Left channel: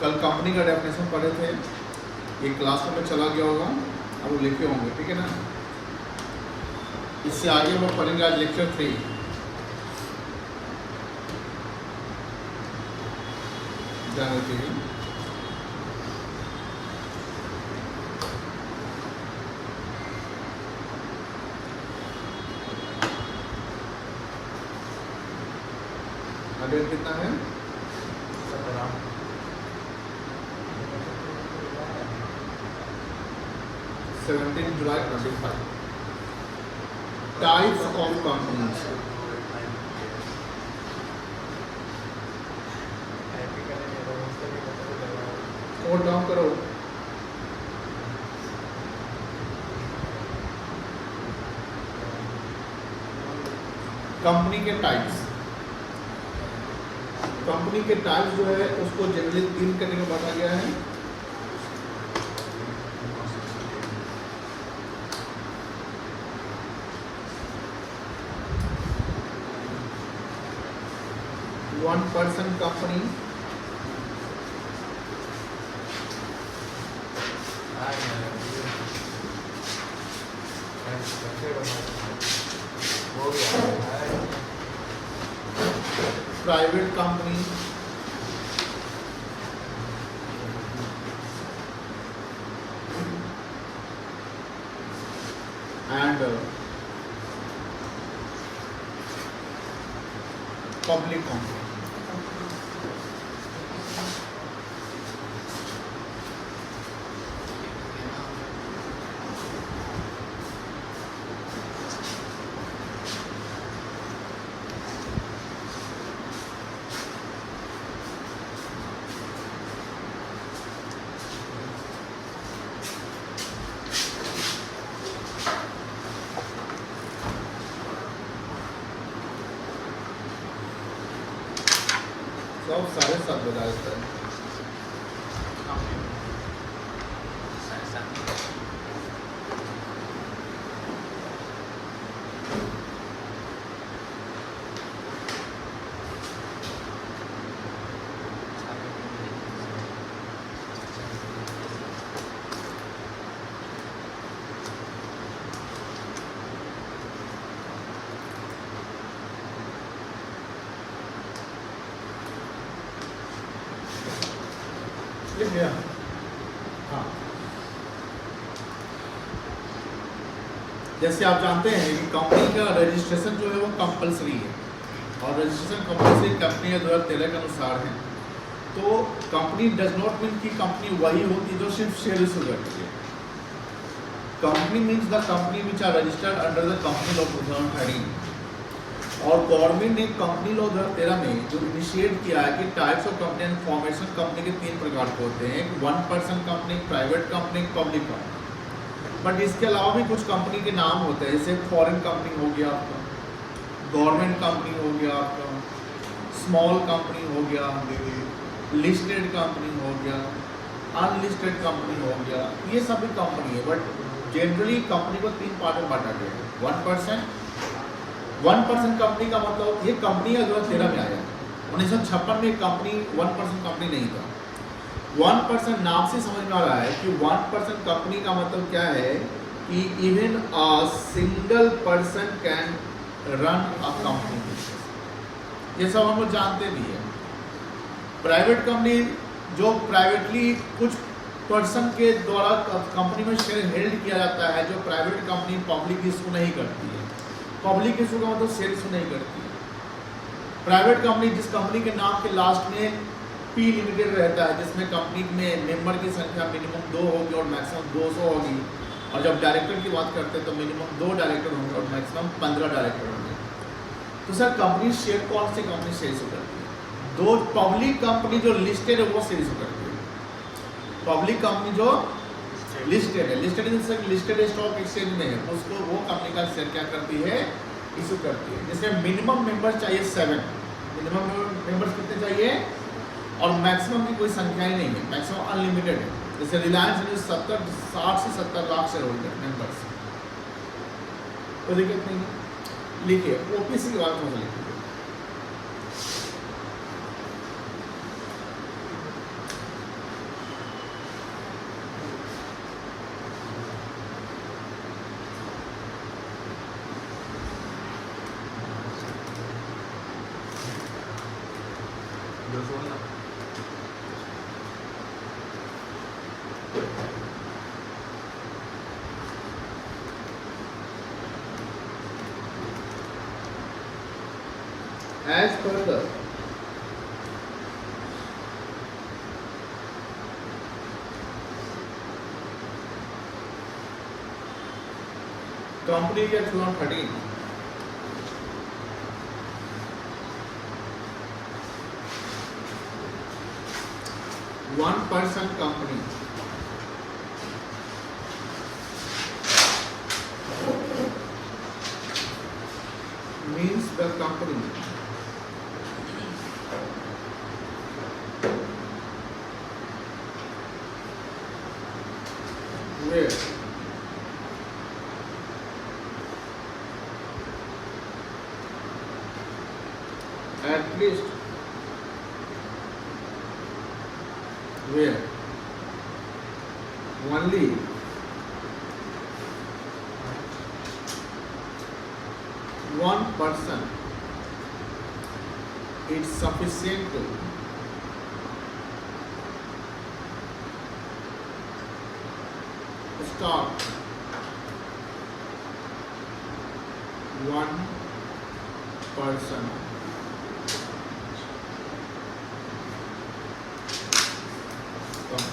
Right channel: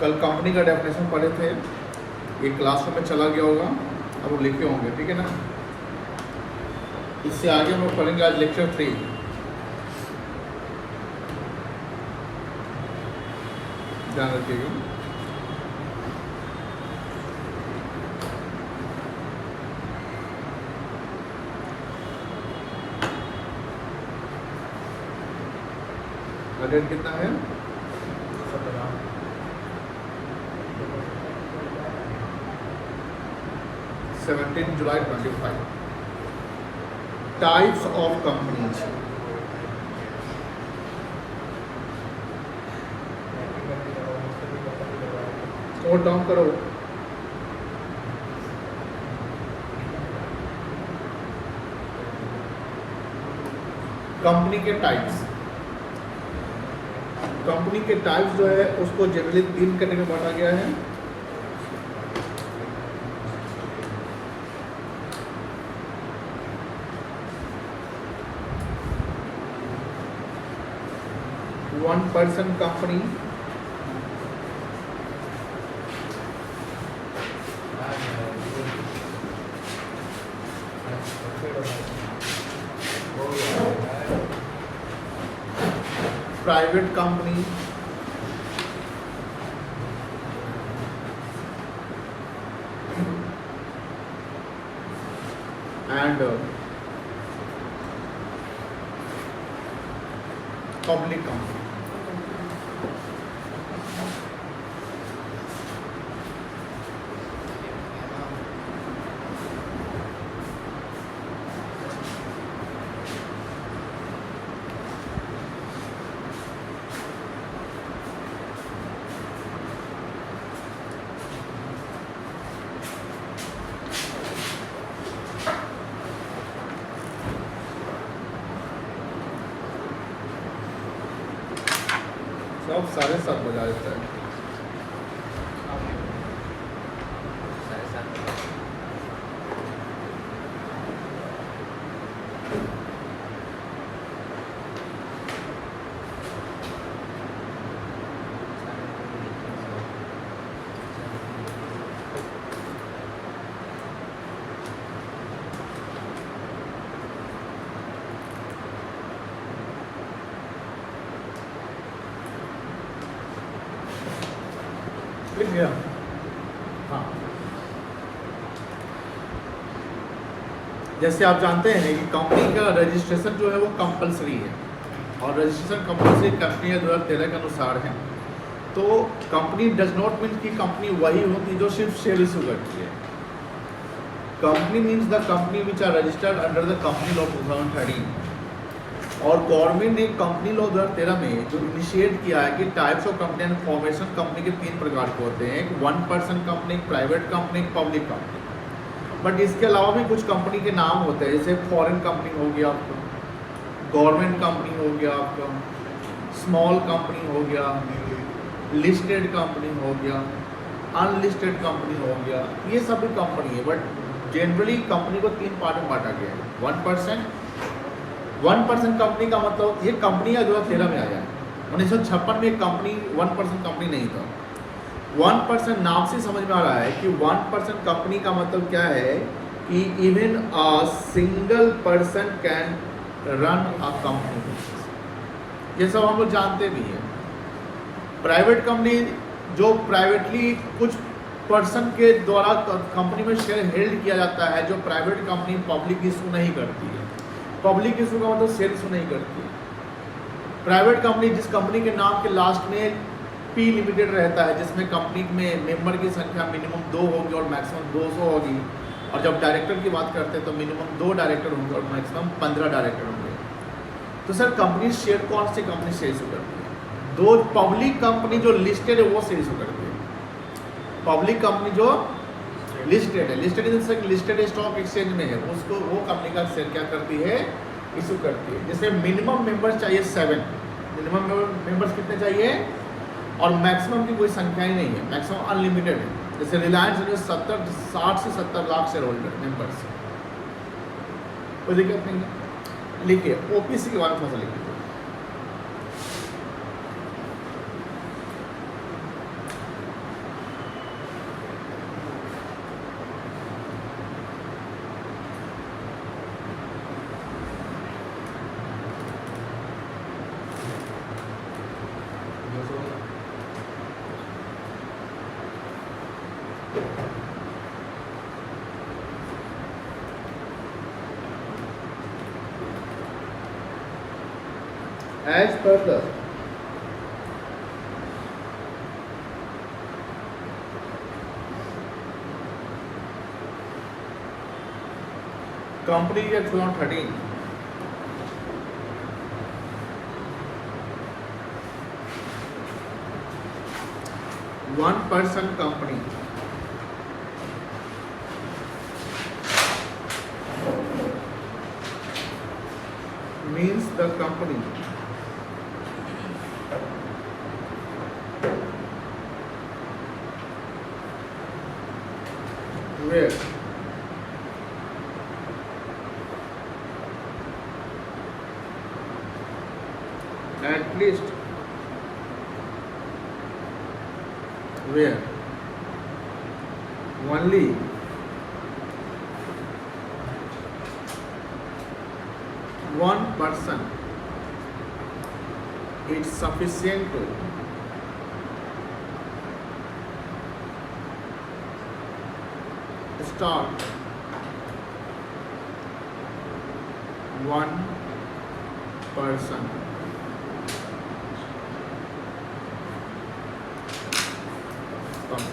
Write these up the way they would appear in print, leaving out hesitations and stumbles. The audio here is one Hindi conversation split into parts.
कल कंपनी का डेफिनेशन पढ़े थे, ये क्लास में चला गया होगा, अब वो लिखे होंगे, ठीक है ना। इससे आगे हम लोग पढ़ेंगे आज लेक्चर 3। ध्यान रखिएगा। डेट कितना है? 17 जुलाई 25। Types of companies. Note down करो। कंपनी के टाइप्स, कंपनी के टाइप्स जो है उसको जनरली 3 करने में बांटा गया है। One person company, private company, and public company. सब 7:30 बजा देता है। लिख गया? हाँ, जैसे आप जानते हैं कि कंपनी का रजिस्ट्रेशन जो है वो कंपलसरी है, और रजिस्ट्रेशन कंपलसरी कंपनी 2013 के अनुसार है। तो कंपनी डज नॉट मीन कि कंपनी वही होती जो सिर्फ शेयर इशू करती है। Company means the company which are registered under the company law 2013। और गवर्नमेंट ने कंपनी लॉ 2013 में जो इनिशिएट किया है कि types of company and formation company के 3 प्रकार के होते हैं, एक वन पर्सन कंपनी, एक प्राइवेट कंपनी, एक पब्लिक कंपनी। बट इसके अलावा भी कुछ कंपनी के नाम होते हैं, जैसे फॉरेन कंपनी हो गया आपका, गवर्नमेंट कंपनी हो गया आपका, स्मॉल कंपनी हो गया, लिस्टेड कंपनी हो गया, अनलिस्टेड कंपनी हो गया। ये सभी कंपनी है, बट जनरली कंपनी को 3 पार्ट में बांटा गया है। वन पर्सन कंपनी का मतलब ये कंपनी का 2013 में आया है। 1956 में कंपनी वन पर्सन कंपनी नहीं था। वन पर्सन नाम से समझ में आ रहा है कि वन पर्सन कंपनी का मतलब क्या है कि even a single person can run a company. ये सब हम लोग जानते भी हैं। प्राइवेट कंपनी जो प्राइवेटली कुछ पर्सन के द्वारा कंपनी में शेयर हेल्ड किया जाता है, जो प्राइवेट कंपनी पब्लिक इशू नहीं करती है। पब्लिक इशू का मतलब शेयर इशू नहीं करती है। प्राइवेट कंपनी जिस कंपनी के नाम के लास्ट में पी लिमिटेड रहता है, जिसमें कंपनी में मेंबर की संख्या मिनिमम 2 होगी और मैक्सिमम 200 होगी, और जब डायरेक्टर की बात करते हैं तो मिनिमम 2 डायरेक्टर होंगे और मैक्सिमम 15 डायरेक्टर होंगे। तो सर कंपनी शेयर कौन सी कंपनी शेयर इशू करती है? 2 पब्लिक कंपनी जो लिस्टेड है वो शेयर इशू करती है। पब्लिक कंपनी जो लिस्टेड है, लिस्टेड स्टॉक एक्सचेंज में है, उसको वो कंपनी का शेयर क्या करती है? इशू करती है। जैसे मिनिमम मेंबर्स चाहिए 7, मिनिमम मेंबर्स कितने चाहिए? और मैक्सिमम की कोई संख्या ही नहीं है, मैक्सिमम अनलिमिटेड है। जैसे रिलायंस में 60 से 70 लाख शेयर होल्डर मेंबर्स, कोई दिक्कत नहीं है। लिखिए ओपीसी के बारे में लिखिए। as per the Company Act 2013, one person company means the company where at least where only one person is sufficient to start one person company.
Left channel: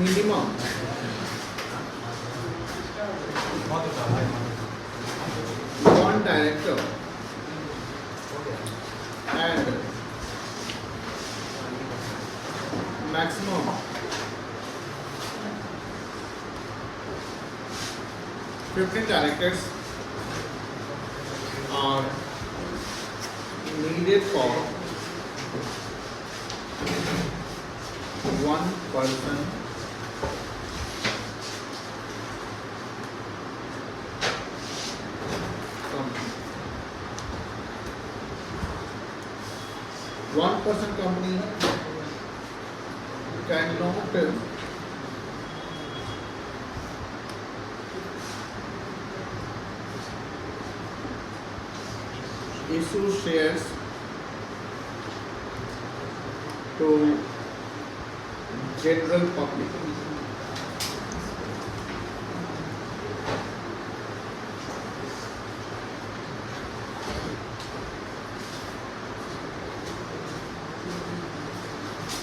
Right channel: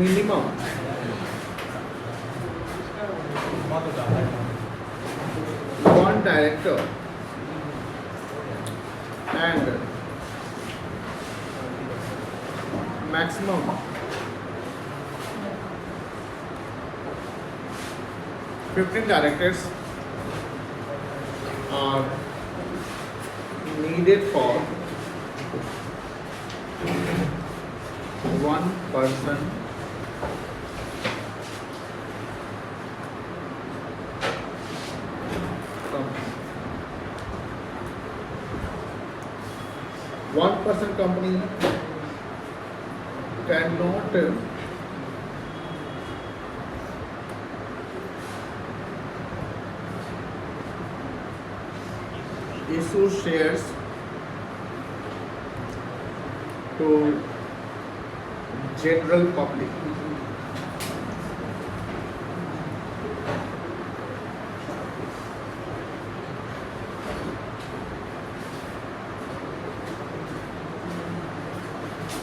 Minimum one director and maximum fifteen directors are needed for one person company. One person company cannot issue shares to general public.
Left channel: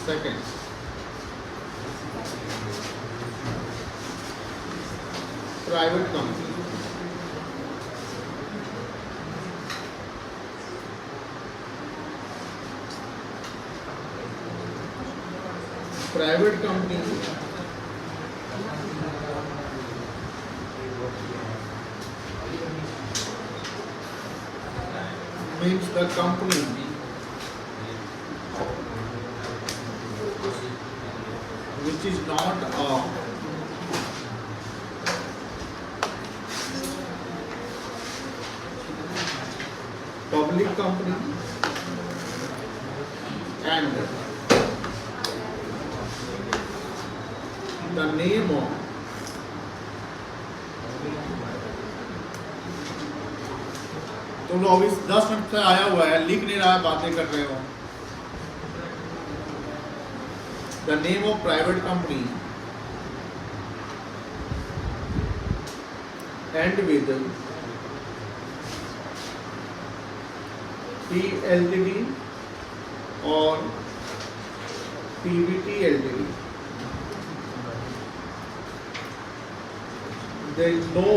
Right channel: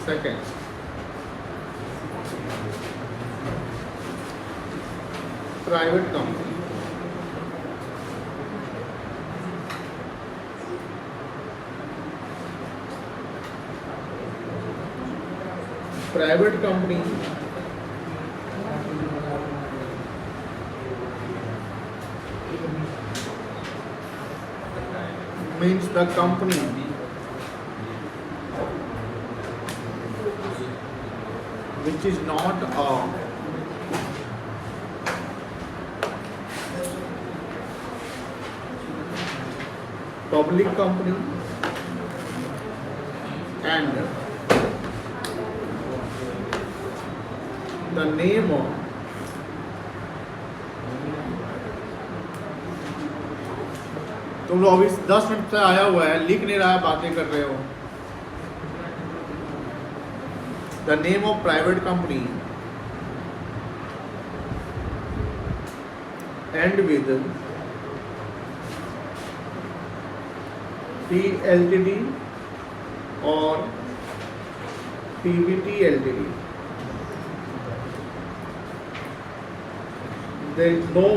Second, private company. Private company means the company which is not a public company and the name of तुम लोग अभी 10 मिनट से आया हुआ है, लिख नहीं रहा है, बातें कर रहे हो. The name of private company end with P Ltd or PVT Ltd. There is no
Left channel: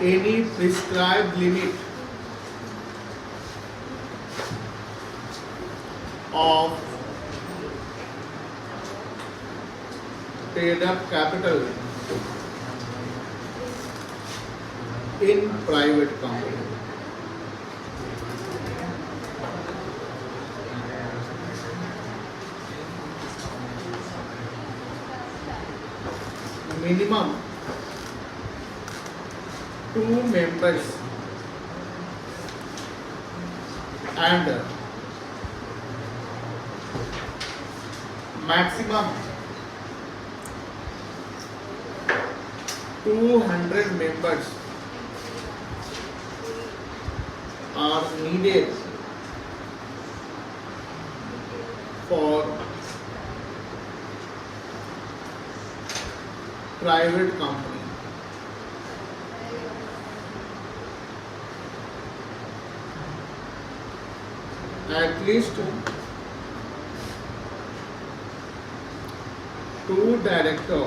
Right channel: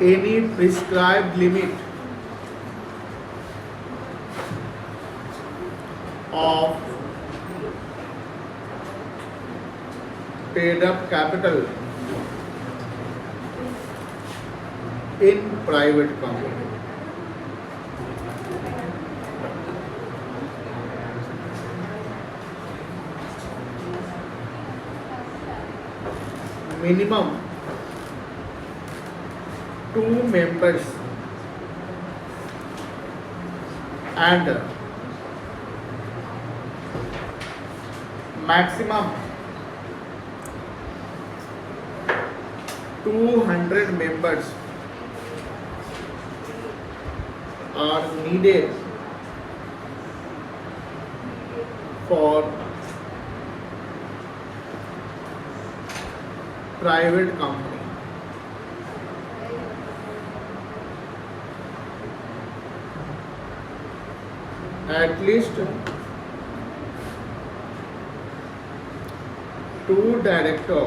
any prescribed limit of paid up capital in private company. Minimum 2 members and maximum 200 members are needed for private company. At least 2 director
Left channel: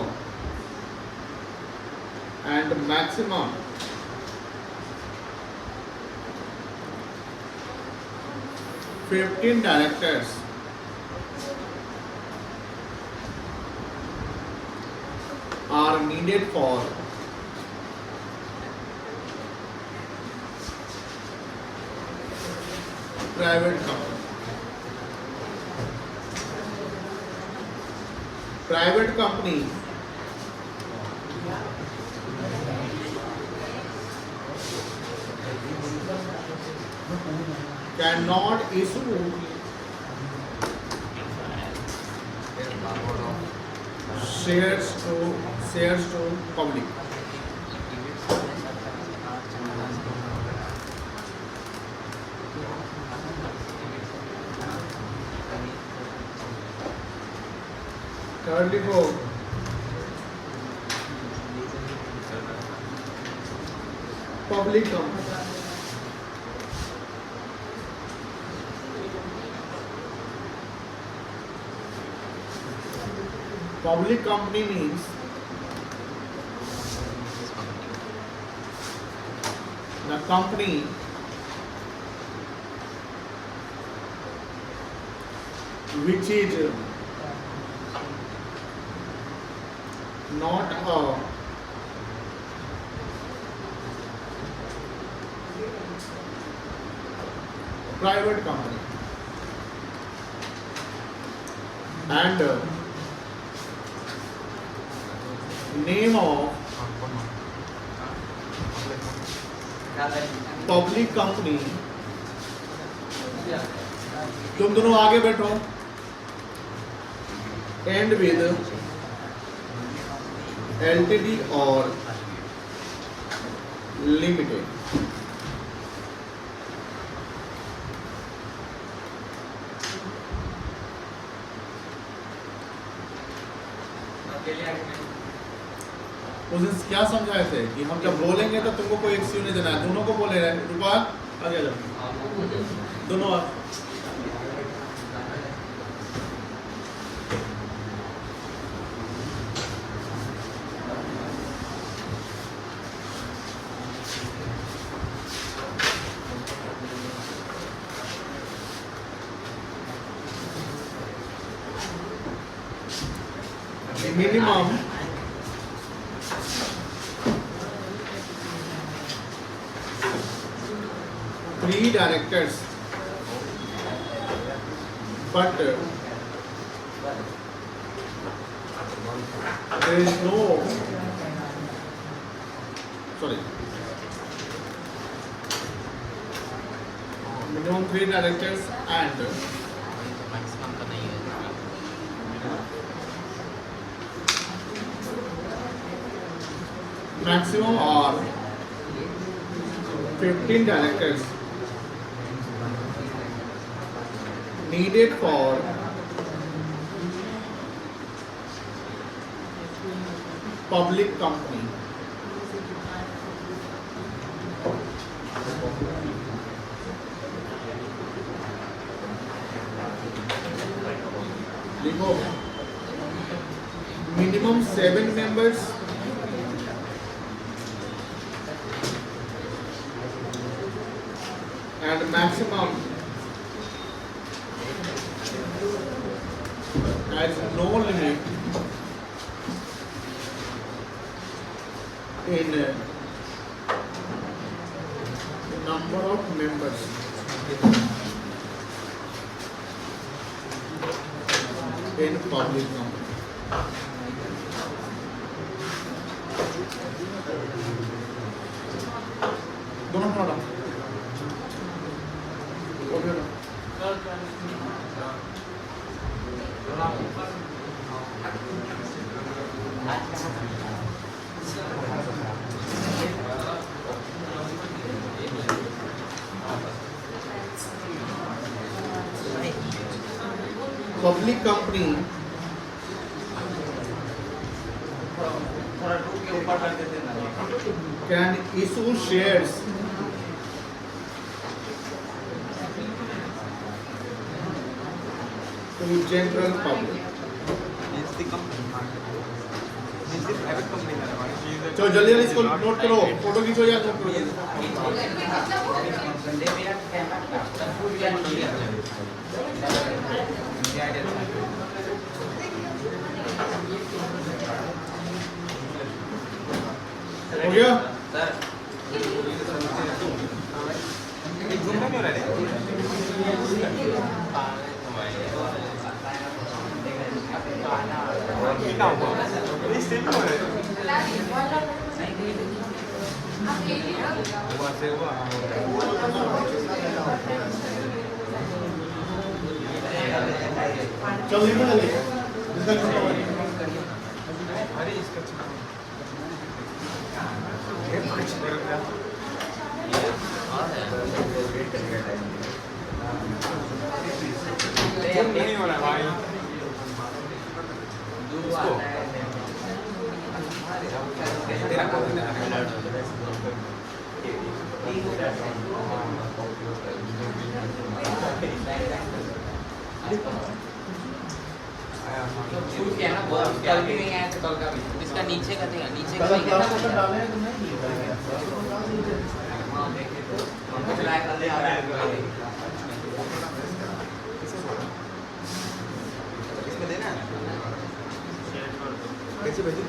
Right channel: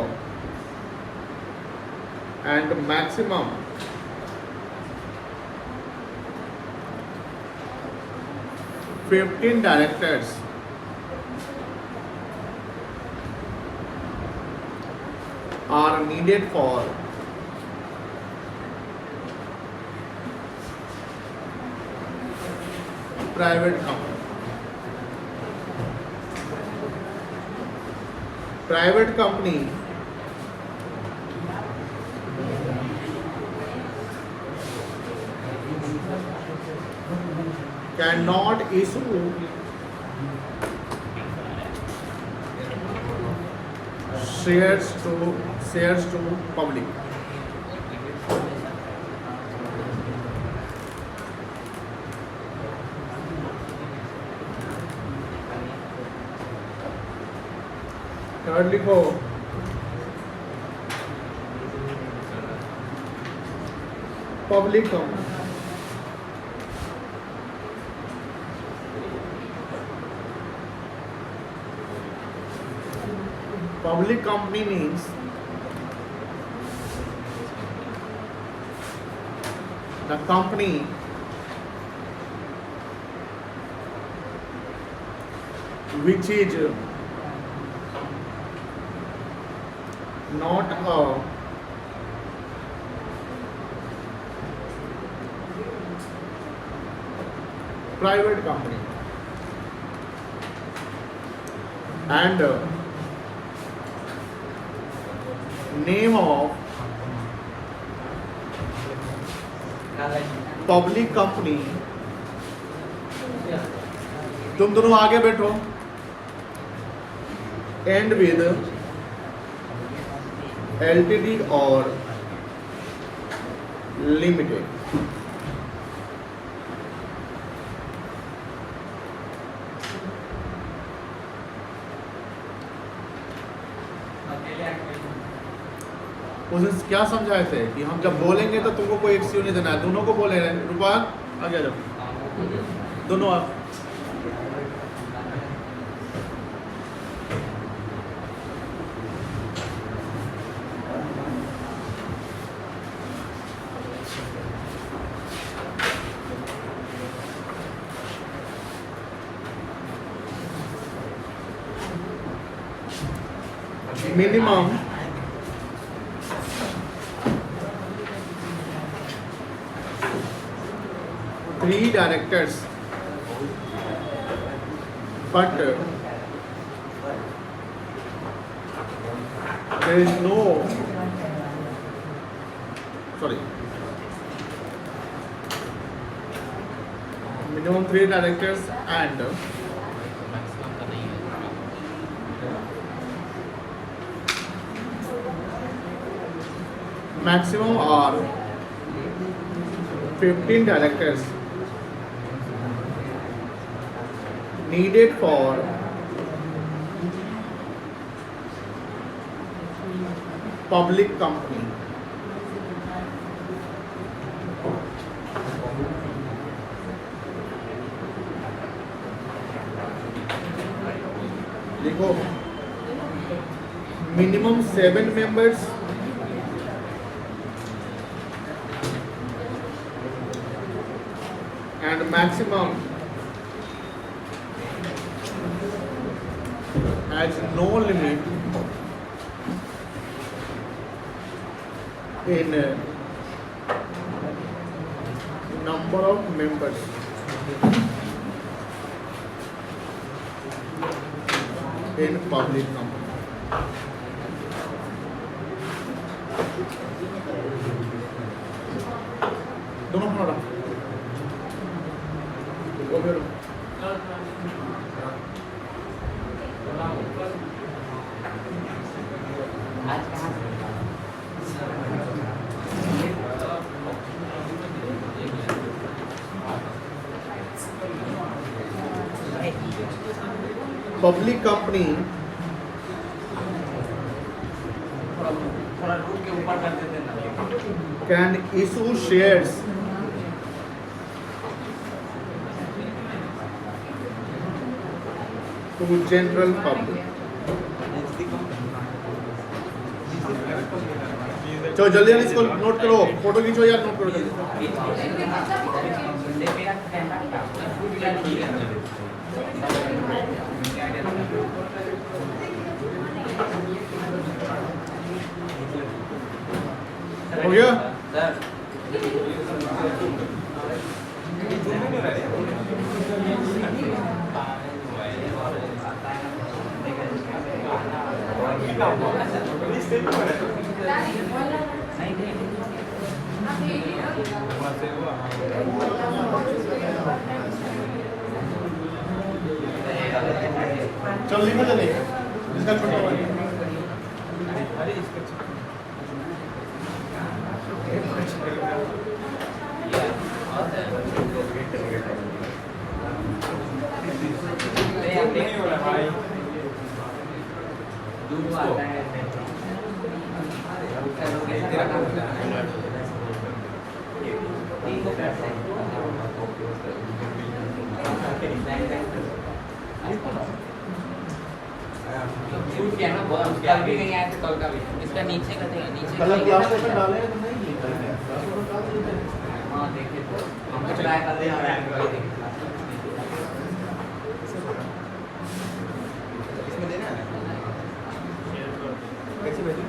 and maximum 15 directors are needed for private company. Private company cannot issue shares to public. Third लिखो public company. Public company means the company which is not a private company and name of public company. तुम दोनों आगे बैठो. एंड विद एलटीडी और लिमिटेड. उस दिन क्या समझाए थे कि हम जब बोलेंगे तो तुमको कोई एक्सक्यूज नहीं देना है. दोनों को बोले रहे. रूपाल आगे आ जाओ. दोनों आप. Minimum three directors, but there is no minimum 3 directors and maximum are 15 directors needed for public company. देखो minimum 7 members and maximum has no limit in number of members in public company. दोनों खड़ा रहो. वो भी रहो. Public company can issue shares to general public. चलो जल्दी जल्दी इसको नोट करो, फोटो खींचो या नोट करो जल्दी। हो गया? चल लिखो जल्दी। इसका नीचे का नीचे मतलब क्लास में डालने हैं तुमने? कैसे भेजें?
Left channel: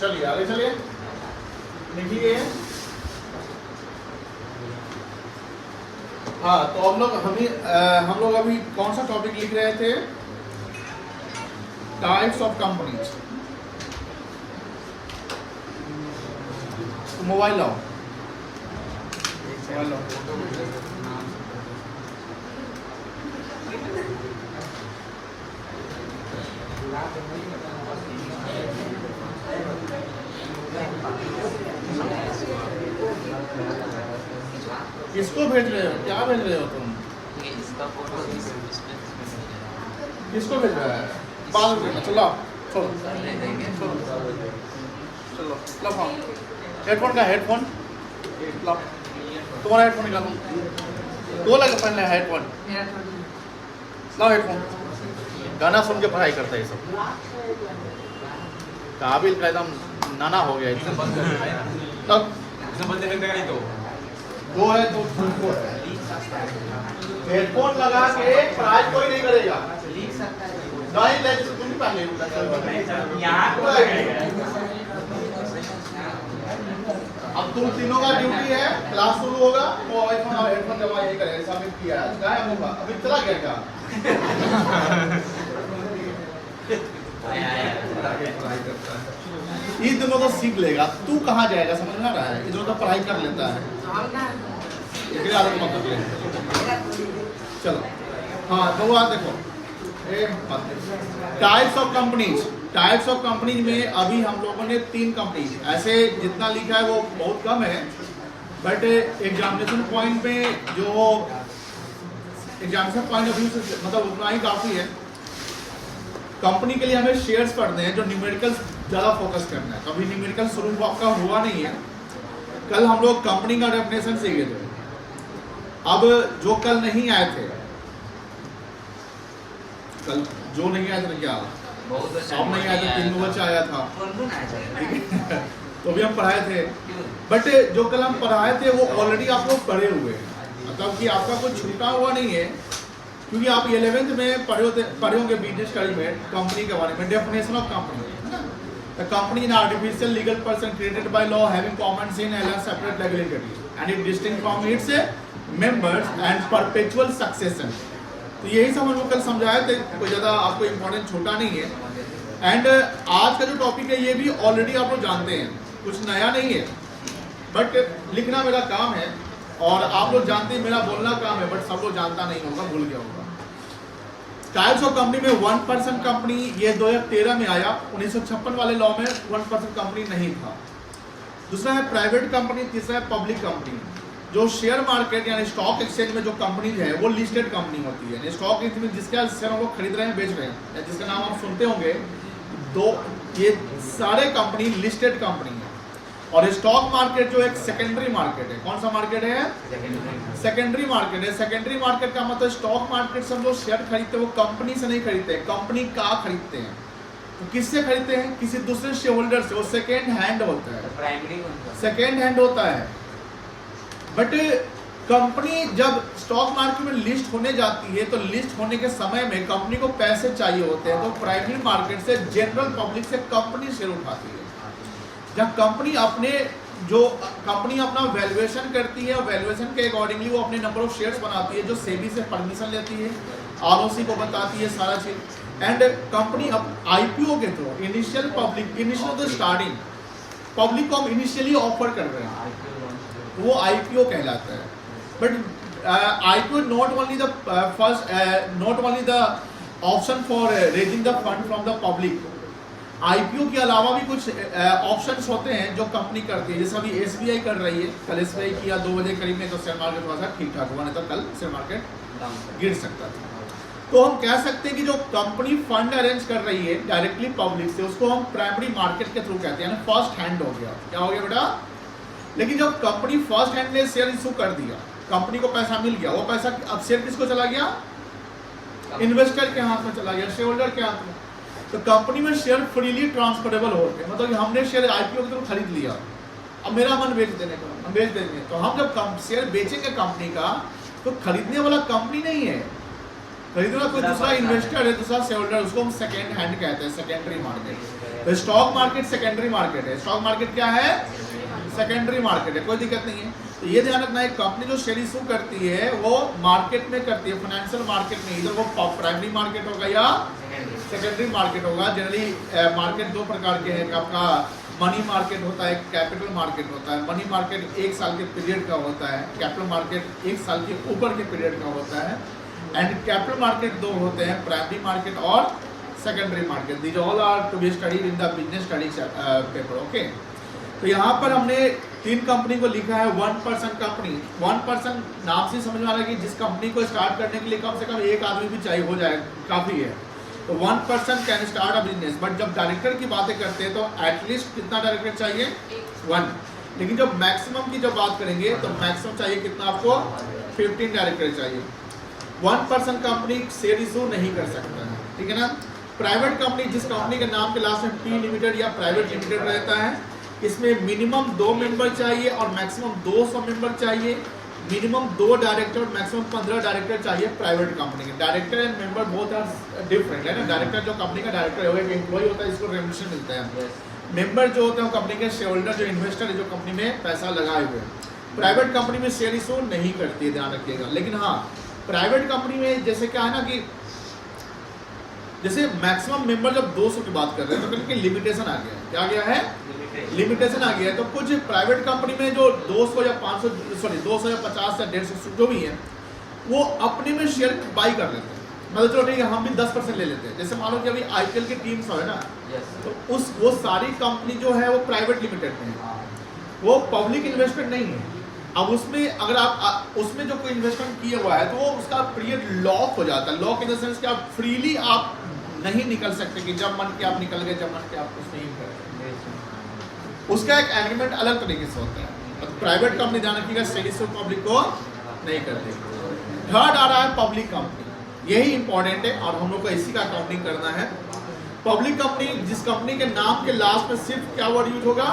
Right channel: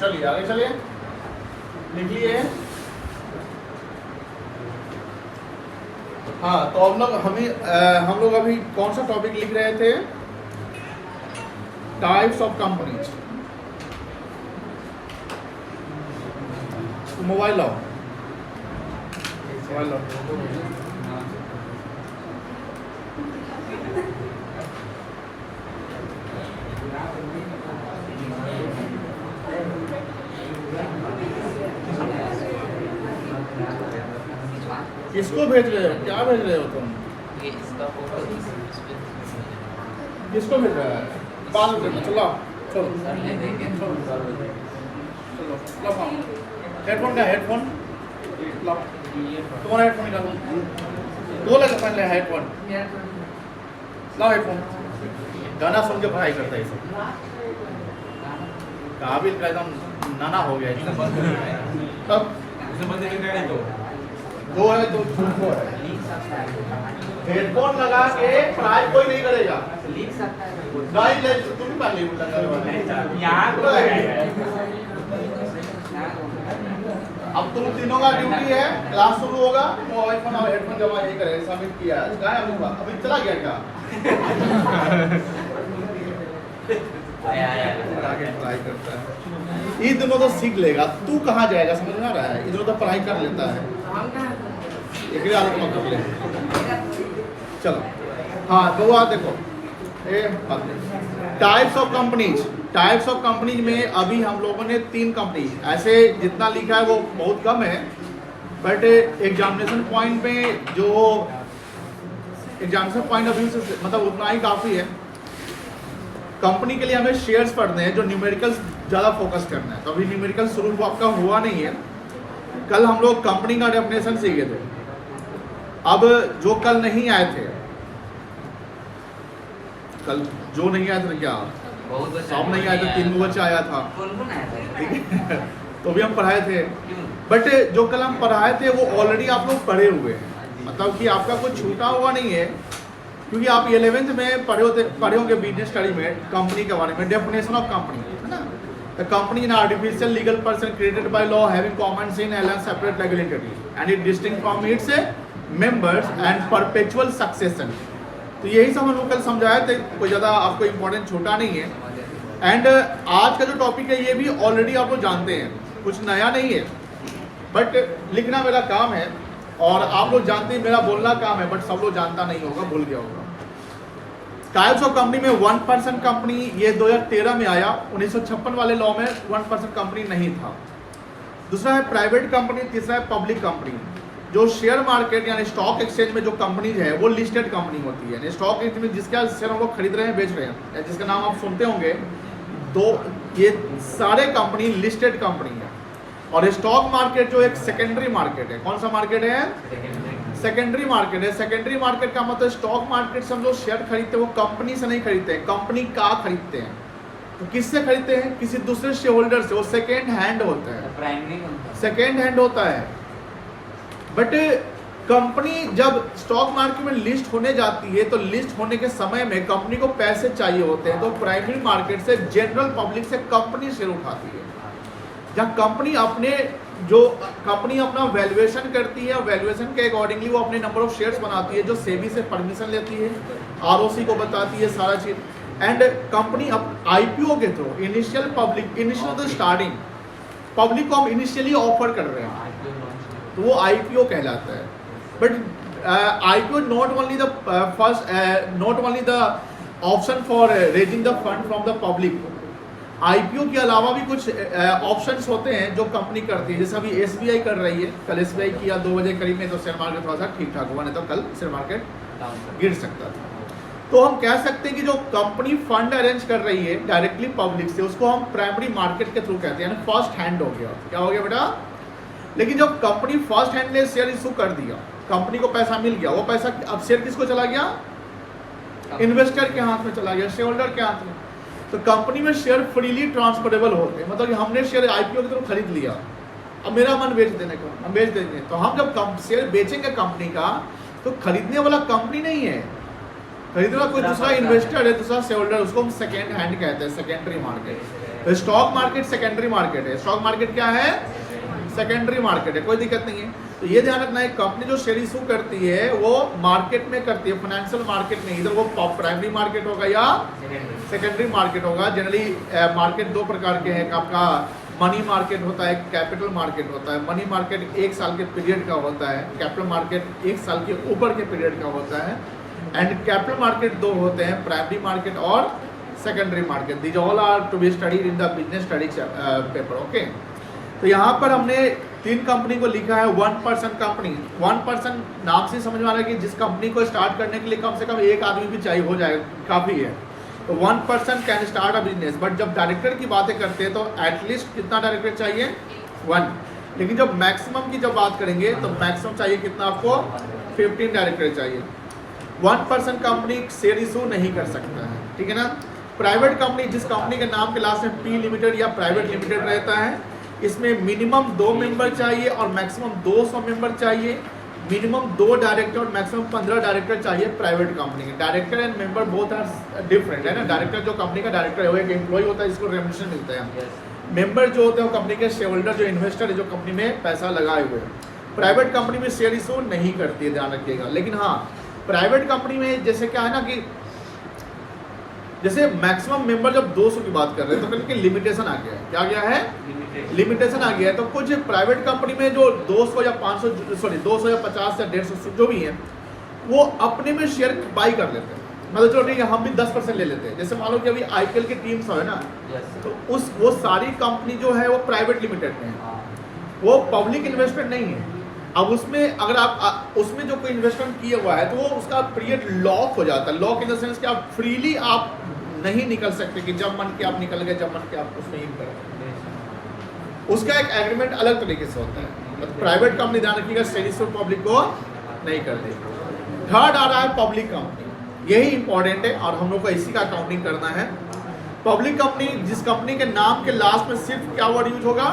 चलिए आगे चलिए, लिखिए। हाँ, तो हम लोग अभी कौन सा टॉपिक लिख रहे थे? Types of companies. तो मोबाइल लाओ, मोबाइल लाओ। किसको भेज रहे हो? क्या भेज रहे हो तुम? ये इसका फोटो किसको भेज रहा है? बाल में चलो छोड़ो, चलो लो फोन। हेडफोन का हेडफोन लो, तुम्हारा हेडफोन निकालो। दो लगे पहले हेडफोन लो, हेडफोन। गाना सुन के पढ़ाई करते हैं सब। काबिल का एकदम नाना हो गया तब। दो है तो दो है। हेडफोन लगा के पढ़ाई कोई नहीं करेगा। नहीं जैसे तुम पहले अब तुम तीनों का ड्यूटी है, क्लास शुरू होगा, मोबाइल फोन और हेडफोन जमा ये करें, सबमिट किया गायब होगा, अभी चला गया का पढ़ाई करता है। ये दोनों तो सीख लेगा, तू कहाँ जाएगा? समझ में आ रहा है? इधर तो पढ़ाई कर लेता है, एक आदत मत कर ले। चलो हाँ, तो बात देखो, types of companies. Types of companies में अभी हम लोगों ने 3 कंपनी, ऐसे जितना लिखा है वो बहुत कम है, बट एग्जामिनेशन पॉइंट में जो एग्जामिनेशन पॉइंट ऑफ व्यू से मतलब उतना ही काफ़ी है। कंपनी के लिए हमें शेयर्स पढ़ने हैं, जो न्यूमेरिकल ज़्यादा फोकस करना है। तो अभी न्यूमेरिकल शुरू आपका हुआ नहीं है। कल हम लोग कंपनी का डेफिनेशन सीखे थे। अब जो कल नहीं आए थे, कल जो नहीं आया था, क्या सब नहीं आया था, 3 बच्चा आया था, ठीक है। तो भी हम पढ़ाए थे, बट जो कल हम पढ़ाए थे वो ऑलरेडी आप लोग पढ़े हुए हैं, मतलब कि आपका कुछ छूटा हुआ नहीं है, क्योंकि आप 11th में पढ़े होंगे बिजनेस स्टडी में कंपनी के बारे में, डेफिनेशन ऑफ कंपनी है ना। The company in artificial legal person created by law having common in and separate regulatory and it distinct from its members and perpetual succession. तो यही सब हम कल समझाए थे, कोई ज़्यादा आपको इंपॉर्टेंट छोटा नहीं है। एंड आज का जो टॉपिक है ये भी ऑलरेडी आप लोग जानते हैं, कुछ नया नहीं है, बट लिखना मेरा काम है और आप लोग जानते हैं मेरा बोलना काम है, बट सब लोग जानता नहीं होगा, भूल गया होगा। टाइप्स ऑफ कंपनी में 1% कंपनी, ये 2013 में आया, 1956 वाले लॉ में 1% कंपनी नहीं था। दूसरा है प्राइवेट कंपनी, तीसरा है पब्लिक कंपनी। जो शेयर मार्केट यानी स्टॉक एक्सचेंज में जो कंपनी है वो लिस्टेड कंपनी होती है। स्टॉक एक्सचेंज में जिसका शेयर हम लोग खरीद रहे हैं, बेच रहे हैं, या जिसका नाम आप सुनते होंगे, ये सारे कंपनी लिस्टेड कंपनी है। और स्टॉक मार्केट जो एक सेकेंडरी मार्केट है, कौन सा मार्केट है? सेकेंडरी मार्केट है। सेकेंडरी मार्केट का मतलब स्टॉक मार्केट से हम लोग शेयर खरीदते हैं, वो कंपनी से नहीं खरीदते हैं, कंपनी का खरीदते हैं। तो किससे खरीदते हैं? किसी दूसरे शेयर होल्डर से। वो सेकेंड हैंड होता है, सेकेंड हैंड होता है। बट कंपनी जब स्टॉक मार्केट में लिस्ट होने जाती है, तो लिस्ट होने के समय में कंपनी को पैसे चाहिए होते हैं, तो प्राइमरी मार्केट से, जनरल पब्लिक से कंपनी शेयर उठाती है। जब कंपनी अपना वैल्यूएशन करती है, वैल्यूएशन के अकॉर्डिंगली वो अपने नंबर ऑफ शेयर्स बनाती है, जो सेबी से परमिशन लेती है, आरओसी को बताती है सारा चीज। एंड कंपनी अब आईपीओ के थ्रू इनिशियल तो स्टार्टिंग पब्लिक को हम इनिशियली ऑफर कर रहे हैं, तो वो आईपीओ कहलाता है। But IPO not only the option for raising the fund from the public. IPO के अलावा भी कुछ ऑप्शंस होते हैं जो कंपनी करती है, जैसे अभी एसबीआई कर रही है। कल एसबीआई किया 2 बजे करीब में, तो शेयर मार्केट थोड़ा सा ठीक ठाक हुआ, नहीं तो कल शेयर मार्केट गिर सकता था। तो हम कह सकते हैं कि जो कंपनी फंड अरेंज कर रही है डायरेक्टली पब्लिक से, उसको हम प्राइमरी मार्केट के थ्रू कहते हैं, फर्स्ट हैंड हो गया। क्या हो गया बेटा? लेकिन जब कंपनी फर्स्ट हैंड ने शेयर इशू कर दिया, कंपनी को पैसा मिल गया, वो पैसा अब शेयर किसको चला गया? इन्वेस्टर के हाथ में चला गया, शेयर होल्डर के हाथ में। तो कंपनी में शेयर फ्रीली ट्रांसफरेबल हो गए, मतलब कि हमने शेयर आईपीओ की तरफ खरीद लिया, अब मेरा मन बेच देने का, हम बेच देंगे। तो हम जब शेयर बेचेंगे कंपनी का, तो खरीदने वाला कंपनी नहीं है, खरीदने वाला कोई दूसरा इन्वेस्टर है, दूसरा शेयर होल्डर, उसको हम सेकेंड हैंड कहते हैं, सेकेंडरी मार्केट। तो स्टॉक मार्केट सेकेंडरी मार्केट है, स्टॉक मार्केट क्या है? सेकेंडरी मार्केट है, कोई दिक्कत नहीं है। तो ये ध्यान रखना है, कंपनी जो शेयर इशू करती है वो मार्केट में करती है, फाइनेंशियल मार्केट में। इधर वो प्राइमरी मार्केट होगा या सेकेंडरी मार्केट होगा। जनरली मार्केट 2 प्रकार के हैं, आपका मनी मार्केट होता है, कैपिटल मार्केट होता है। मनी मार्केट 1 साल के पीरियड का होता है, कैपिटल मार्केट 1 साल के ऊपर के पीरियड का होता है। एंड कैपिटल मार्केट 2 होते हैं, प्राइमरी मार्केट और secondary market. These all are to be studied in the business study paper. Okay, तो यहाँ पर हमने 3 कंपनी को लिखा है 1% कंपनी। 1% नाम से समझ में आ रहा है कि जिस कंपनी को स्टार्ट करने के लिए कम से कम 1 आदमी भी चाहिए, हो जाएगा, काफ़ी है। तो 1% can start a business. But जब डायरेक्टर की बातें करते हैं तो एटलीस्ट कितना डायरेक्टर चाहिए? 1। लेकिन जब मैक्सिमम की जब बात करेंगे तो मैक्सिमम चाहिए कितना? आपको 15 डायरेक्टर चाहिए। 1% कंपनी शेयर इशू नहीं कर सकता है, ठीक है ना। प्राइवेट कंपनी, जिस कंपनी के नाम के लास्ट में पी लिमिटेड या प्राइवेट लिमिटेड रहता है, इसमें मिनिमम 2 मेंबर चाहिए और मैक्सिमम 200 मेंबर चाहिए। मिनिमम 2 डायरेक्टर और मैक्सिमम 15 डायरेक्टर चाहिए प्राइवेट कंपनी के। Director and member both are different, है ना। डायरेक्टर जो कंपनी का डायरेक्टर है वो एक एम्प्लॉय होता है, जिसको रेम्युनरेशन मिलता है। मेंबर जो होते हैं वो कंपनी के शेयर होल्डर, जो इन्वेस्टर है, जो कंपनी में पैसा लगाए हुए हैं। प्राइवेट कंपनी में शेयर इशू नहीं करती है, ध्यान रखिएगा। लेकिन हाँ, प्राइवेट कंपनी में जैसे क्या है ना कि जैसे मैक्सिमम मेंबर जब 200 की बात कर रहे हैं तो कहीं लिमिटेशन आ गया है। क्या गया है? लिमिटेशन आ गया है। तो कुछ प्राइवेट कंपनी में जो 200 या 200 या 50 या 150 जो भी है, वो अपने में शेयर बाई कर लेते हैं। मतलब चलो ठीक है, हम भी 10% ले लेते हैं। जैसे मान लो कि अभी आईपीएल की टीम सब है ना, तो वो सारी कंपनी जो है वो प्राइवेट लिमिटेड में है, वो पब्लिक इन्वेस्टमेंट नहीं है। अब उसमें अगर आप उसमें जो कोई इन्वेस्टमेंट किया हुआ है तो वो उसका पीरियड लॉक हो जाता है। लॉक इन द सेंस कि आप फ्रीली आप नहीं निकल सकते कि जब मन के आप निकल गए, जब मन के आप उसमें इन करें। उसका एक एग्रीमेंट अलग तरीके से होता है। तो प्राइवेट कंपनी ध्यान रखिएगा, शेयर इशू पब्लिक को नहीं करती। थर्ड आ रहा है पब्लिक कंपनी, यही इंपॉर्टेंट है और हम लोग को इसी का अकाउंटिंग करना है। पब्लिक कंपनी, जिस कंपनी के नाम के लास्ट में सिर्फ क्या वर्ड यूज होगा?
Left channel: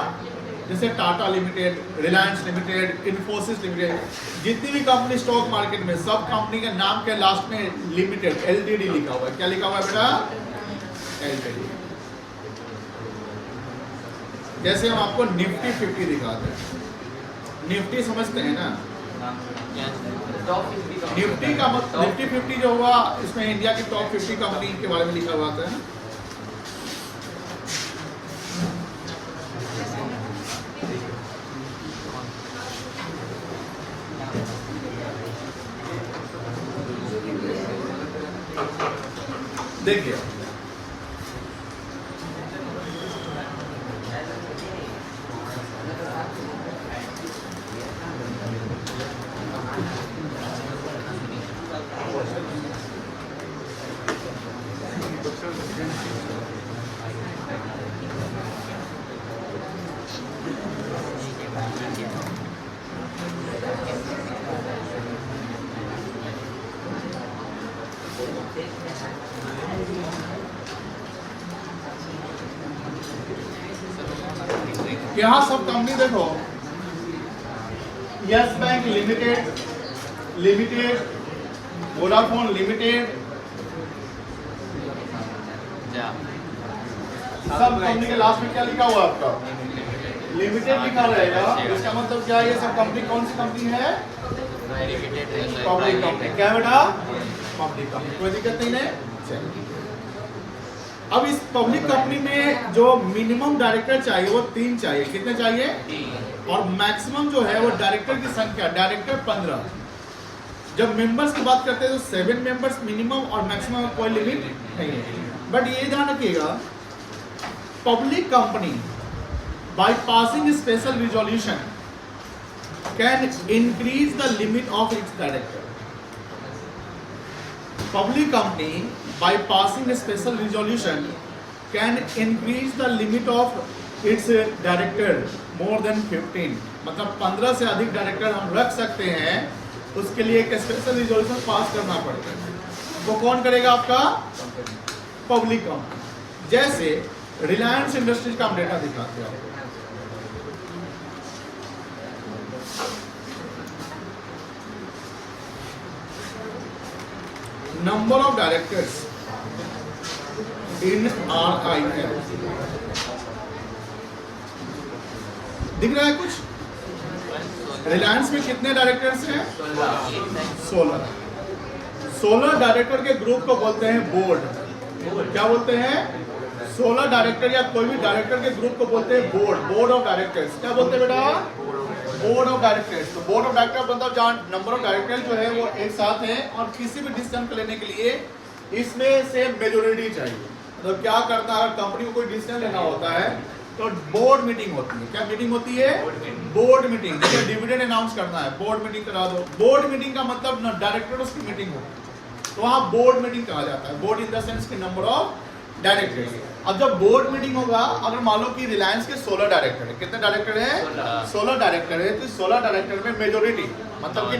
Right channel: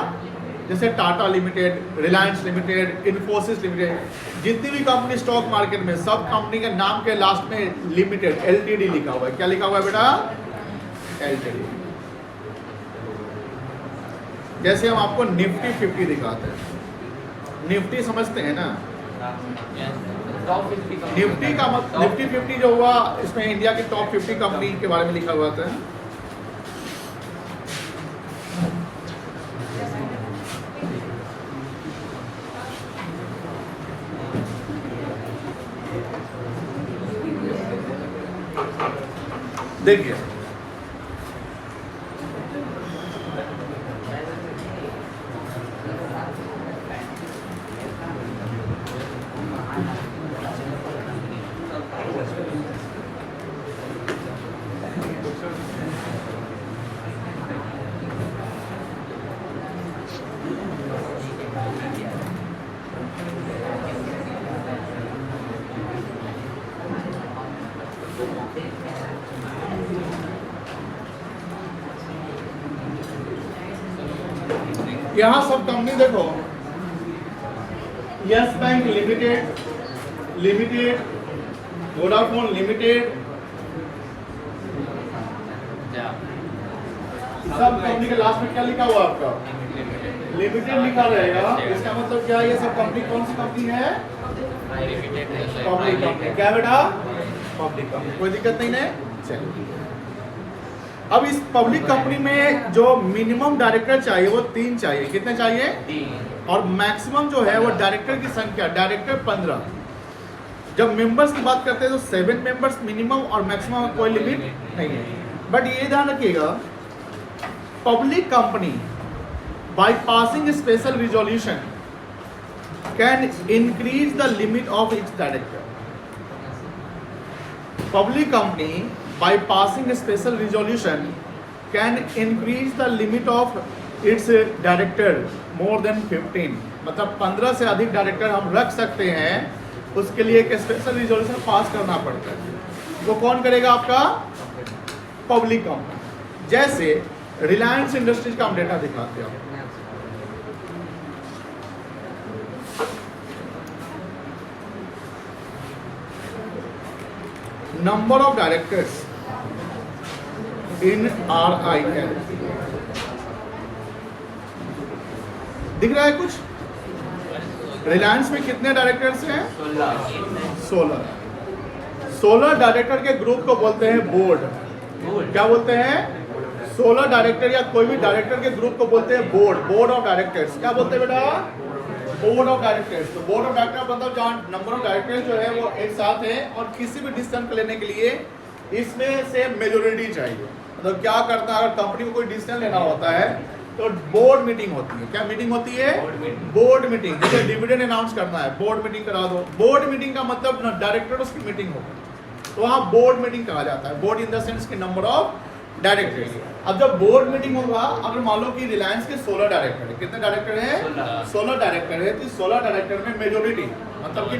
जैसे Tata limited, Reliance limited, Infosys limited, जितनी भी कंपनी स्टॉक मार्केट में, सब कंपनी के नाम के लास्ट में लिमिटेड LTD लिखा हुआ है। क्या लिखा हुआ है बेटा? LTD। जैसे हम आपको निफ्टी 50 दिखाते हैं, निफ्टी समझते हैं ना? निफ्टी का निफ्टी 50 जो हुआ, इसमें इंडिया की टॉप 50 कंपनी के बारे में लिखा हुआ था। देखिए यहाँ सब कंपनी देखो, yes bank limited, Vodafone limited, सब कंपनी के लास्ट में क्या लिखा हुआ है आपका? लिमिटेड लिखा रहेगा। इसका मतलब क्या है? ये सब कंपनी कौन सी कंपनी है? Public company. क्या बेटा? Public company. कोई दिक्कत नहीं है। चलिए, अब इस पब्लिक कंपनी में जो मिनिमम डायरेक्टर चाहिए वो 3 चाहिए। कितने चाहिए? और मैक्सिमम जो है वो डायरेक्टर की संख्या, डायरेक्टर 15। जब मेंबर्स की बात करते हैं तो 7 मेंबर्स मिनिमम और मैक्सिमम कोई लिमिट नहीं है। बट ये ध्यान रखिएगा, public company by passing special resolution can increase the limit of its director. Public company by passing a special resolution can increase the limit of its director more than 15। मतलब 15 से अधिक डायरेक्टर हम रख सकते हैं, उसके लिए एक स्पेशल रिजोल्यूशन पास करना पड़ता है। वो कौन करेगा? आपका पब्लिक कंपनी। जैसे रिलायंस इंडस्ट्रीज का हम डेटा दिखाते हैं आपको। Number of directors in RIL दिख रहा है कुछ? रिलायंस में कितने डायरेक्टर्स हैं? 16। 16 डायरेक्टर के ग्रुप को बोलते हैं बोर्ड। क्या बोलते हैं? 16 डायरेक्टर या कोई भी डायरेक्टर के ग्रुप को बोलते हैं बोर्ड। Board of directors. क्या बोलते हैं बेटा? Board of directors. तो बोर्ड ऑफ डायरेक्टर मतलब जहाँ नंबर ऑफ डायरेक्टर जो है वो एक साथ है, और किसी भी डिसीजन को लेने के लिए इसमें से मेजोरिटी चाहिए। मतलब क्या करता है, अगर कंपनी को कोई डिसीजन लेना होता है तो बोर्ड मीटिंग होती है। क्या मीटिंग होती है? Board meeting. जैसे डिविडेंड अनाउंस करना है, बोर्ड मीटिंग करा दो। बोर्ड मीटिंग का मतलब डायरेक्टर्स की मीटिंग होगी, तो वहाँ बोर्ड मीटिंग कहा जाता है। बोर्ड इन द सेंस की नंबर ऑफ डायरेक्टर्स। अब जब बोर्ड मीटिंग होगा, अगर मान लो कि रिलायंस के 16 डायरेक्टर है, कितने डायरेक्टर है? 16 डायरेक्टर है। तो 16 डायरेक्टर में मेजोरिटी मतलब कि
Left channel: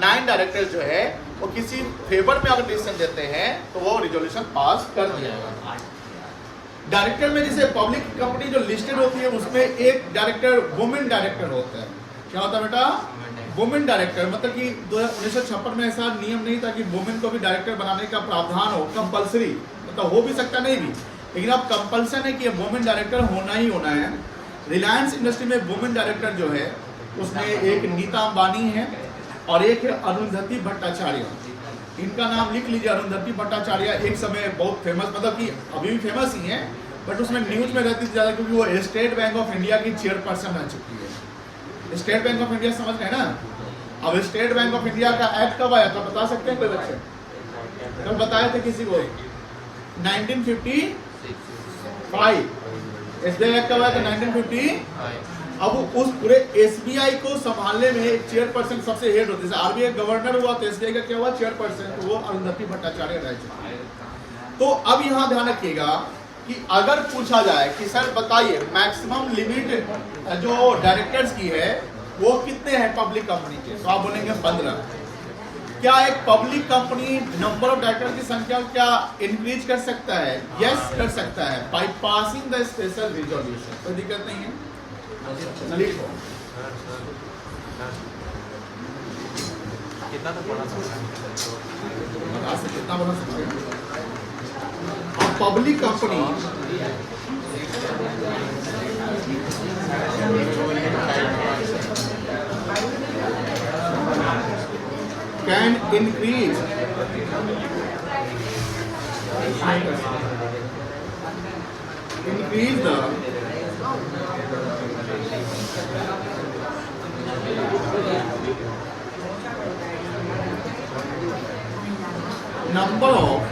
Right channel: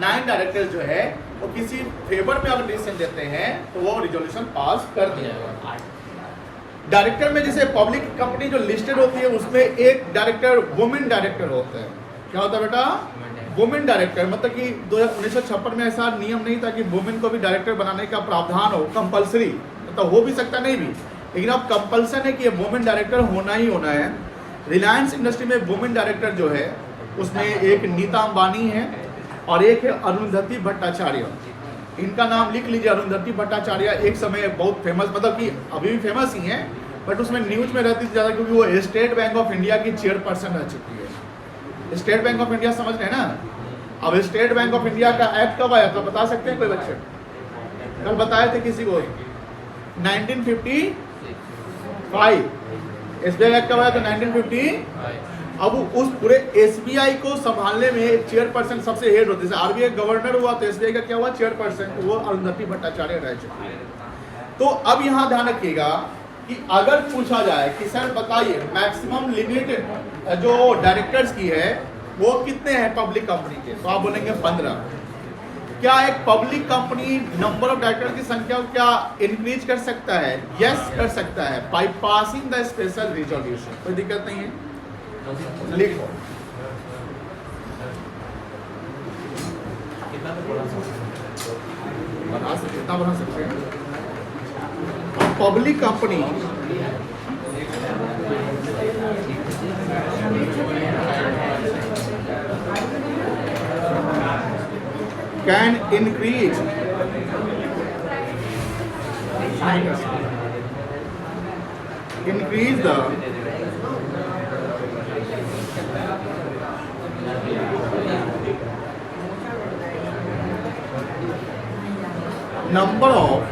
9 डायरेक्टर जो है वो किसी फेवर में अगर डिसीजन देते हैं तो वो रिजोल्यूशन पास कर दिया जाएगा। डायरेक्टर में जैसे पब्लिक कंपनी जो लिस्टेड होती है उसमें एक डायरेक्टर वुमेन डायरेक्टर होता है। क्या होता है बेटा? Women director. मतलब कि 1956 में ऐसा नियम नहीं था कि वुमेन को भी डायरेक्टर बनाने का प्रावधान हो, कंपलसरी। तो हो भी सकता नहीं भी, लेकिन अब कंपल्सन है कि वुमेन डायरेक्टर होना ही होना है। रिलायंस इंडस्ट्री में वुमेन डायरेक्टर जो है उसमें एक नीता अंबानी है और एक है अरुंधति भट्टाचार्य। इनका नाम लिख लीजिए। अरुंधति भट्टाचार्य एक समय बहुत फेमस, मतलब कि अभी भी फेमस ही है, बट उसमें न्यूज में रहती थी ज़्यादा क्योंकि वो स्टेट बैंक ऑफ इंडिया की चेयरपर्सन रह चुकी है। स्टेट बैंक ऑफ इंडिया समझ रहे हैं ना? अब स्टेट बैंक ऑफ इंडिया का एक्ट कब आया तो बता सकते हैं कोई बच्चे? कल बताए थे किसी को? 1955। SBI एक्ट कब आया तो 1955। अब उस पूरे SBI को संभालने में चेयरपर्सन सबसे हेड होती है। RBI गवर्नर हुआ तो SBI का क्या हुआ? चेयरपर्सन। तो वो अरुंधति भट्टाचार्य रह चुकी है। तो अब यहाँ ध्यान रखिएगा कि अगर पूछा जाए कि सर बताइए मैक्सिमम लिमिट जो डायरेक्टर्स की है वो कितने हैं पब्लिक कंपनी के, तो आप बोलेंगे 15। क्या एक public company number of director की संख्या क्या इंक्रीज कर सकता है? यस कर सकता है, by passing the special resolution. कोई दिक्कत नहीं है। लिखो। बता सकते, कितना बना सकते हैं? Public company can increase the number of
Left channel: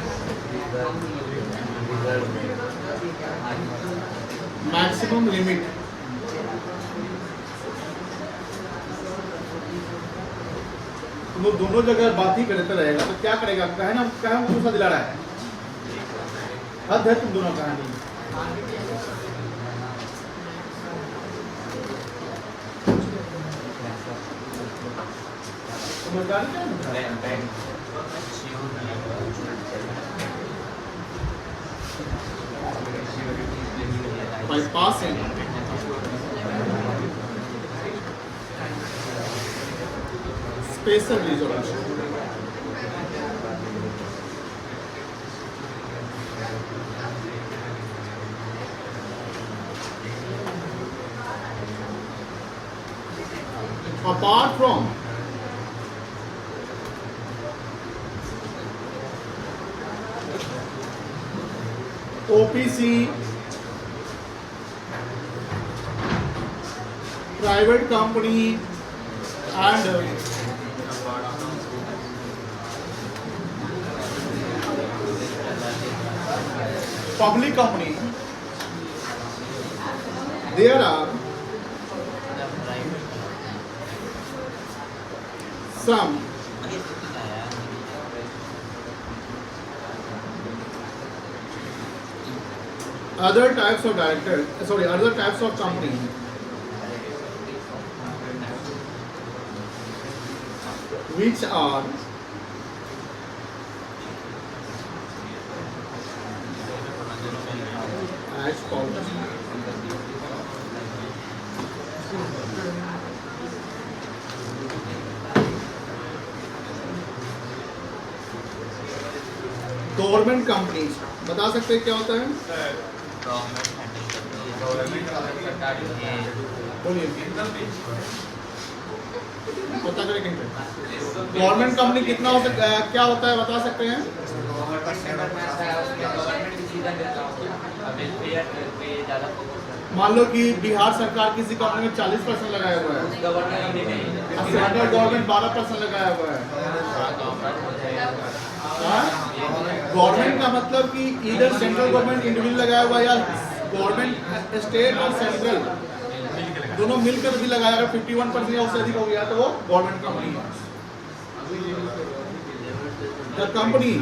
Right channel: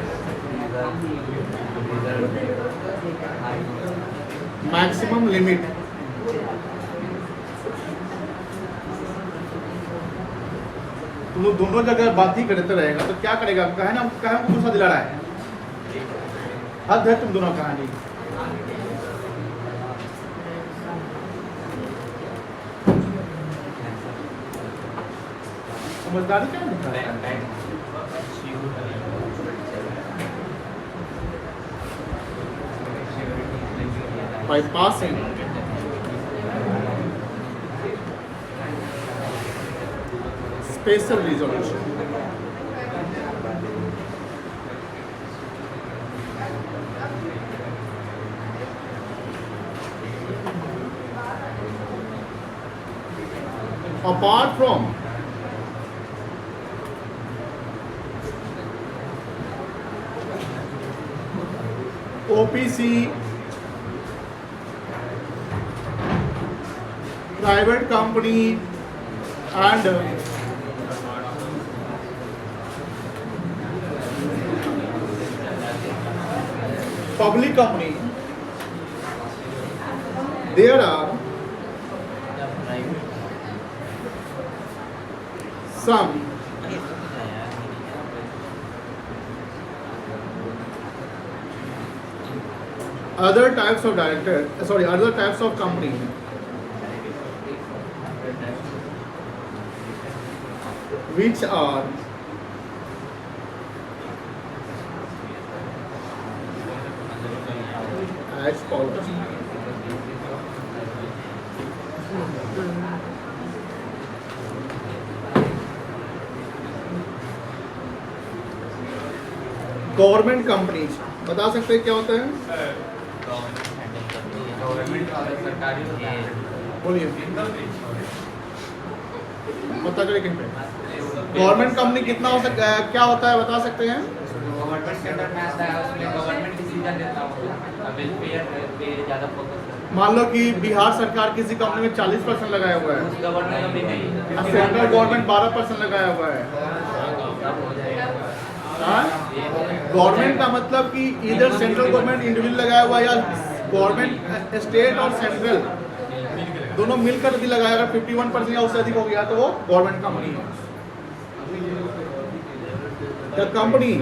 maximum limit तुम लोग दोनों जगह बात ही करते रहेगा तो क्या करेगा? कहे ना कहे भरोसा दिला रहा है, हद है तुम दोनों कहानी। समझदारी क्या है? By passing special resolution. Apart from OPC, private company and public company, there are some other types of other types of company which are as follows. Government companies बता सकते हैं क्या होता है? बोलिए, पता करें किन पे गवर्नमेंट कंपनी कितना हो सकता है, क्या होता है बता सकते हैं? मान लो कि बिहार सरकार किसी कंपनी में 40% लगाया हुआ है, सेंट्रल गवर्नमेंट 12% लगाया हुआ है। गवर्नमेंट का मतलब कि इधर सेंट्रल गवर्नमेंट इंडिविजुअल लगाया हुआ है या गवर्नमेंट स्टेट और सेंट्रल दोनों मिलकर भी लगाया, अगर 51% या उससे अधिक हो गया तो वो गवर्नमेंट कंपनी है। The company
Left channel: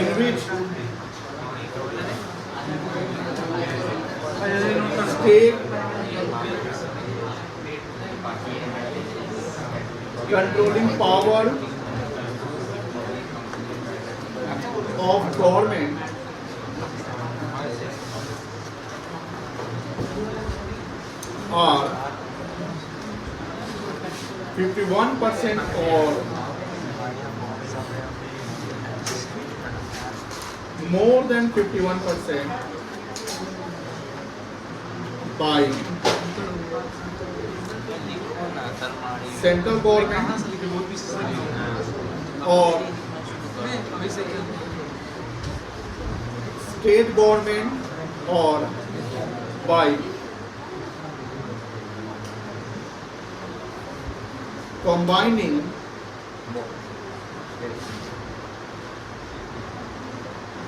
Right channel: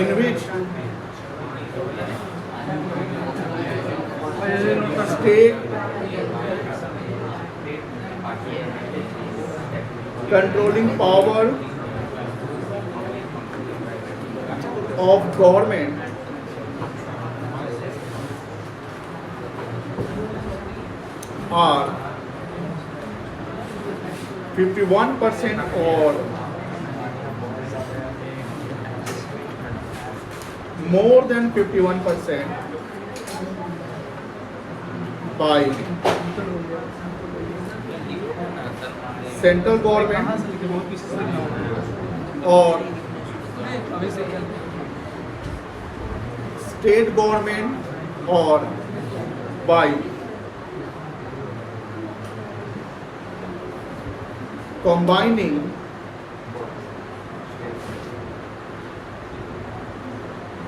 in which state controlling power of government are 51% or more than 51% by central government or state government or by combining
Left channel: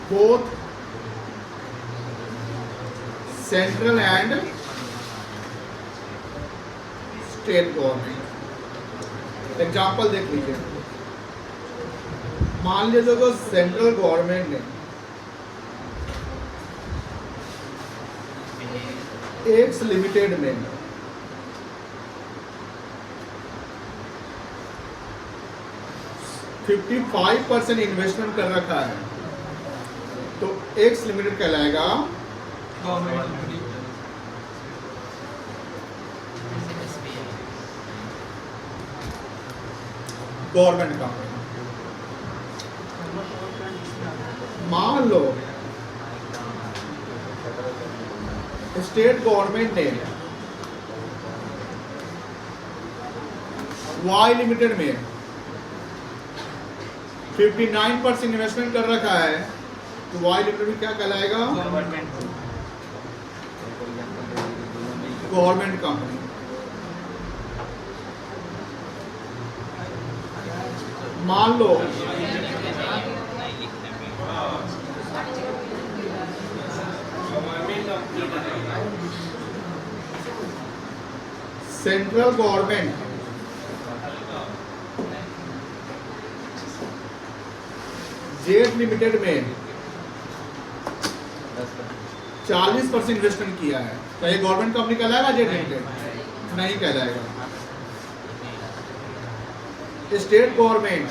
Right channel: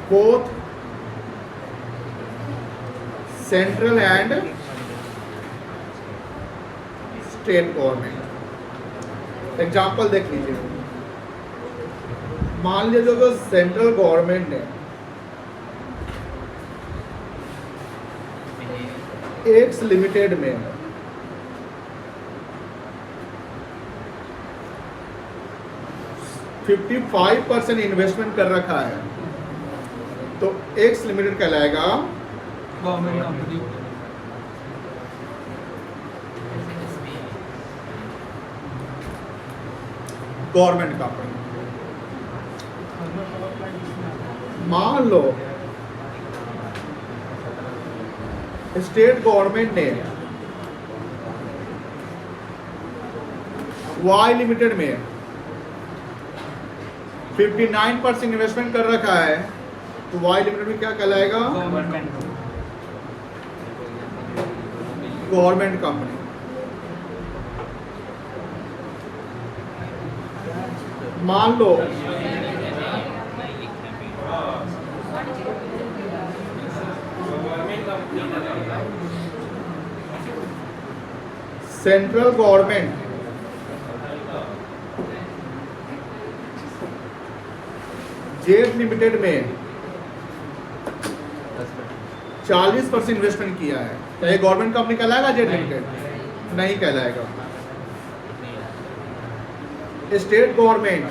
both central and state government। Example देख लीजिए, मान लीजिए जो सेंट्रल गवर्नमेंट है एक्स लिमिटेड में 55% इन्वेस्टमेंट कर रखा है तो एक्स लिमिटेड कहलाएगा गवर्नमेंट कंपनी। Government company. मान लो स्टेट गवर्नमेंट ने वाई लिमिटेड में 59% इन्वेस्टमेंट कर रखा है, तो वाई लिमिटेड में क्या कहलाएगा? Government company. मान लो सेंट्रल गवर्नमेंट जेट लिमिटेड में 40% इन्वेस्टमेंट किया है, क्या ये गवर्नमेंट कंपनी कहलाएगा? जेट लिमिटेड नहीं कहलाएगा। स्टेट गवर्नमेंट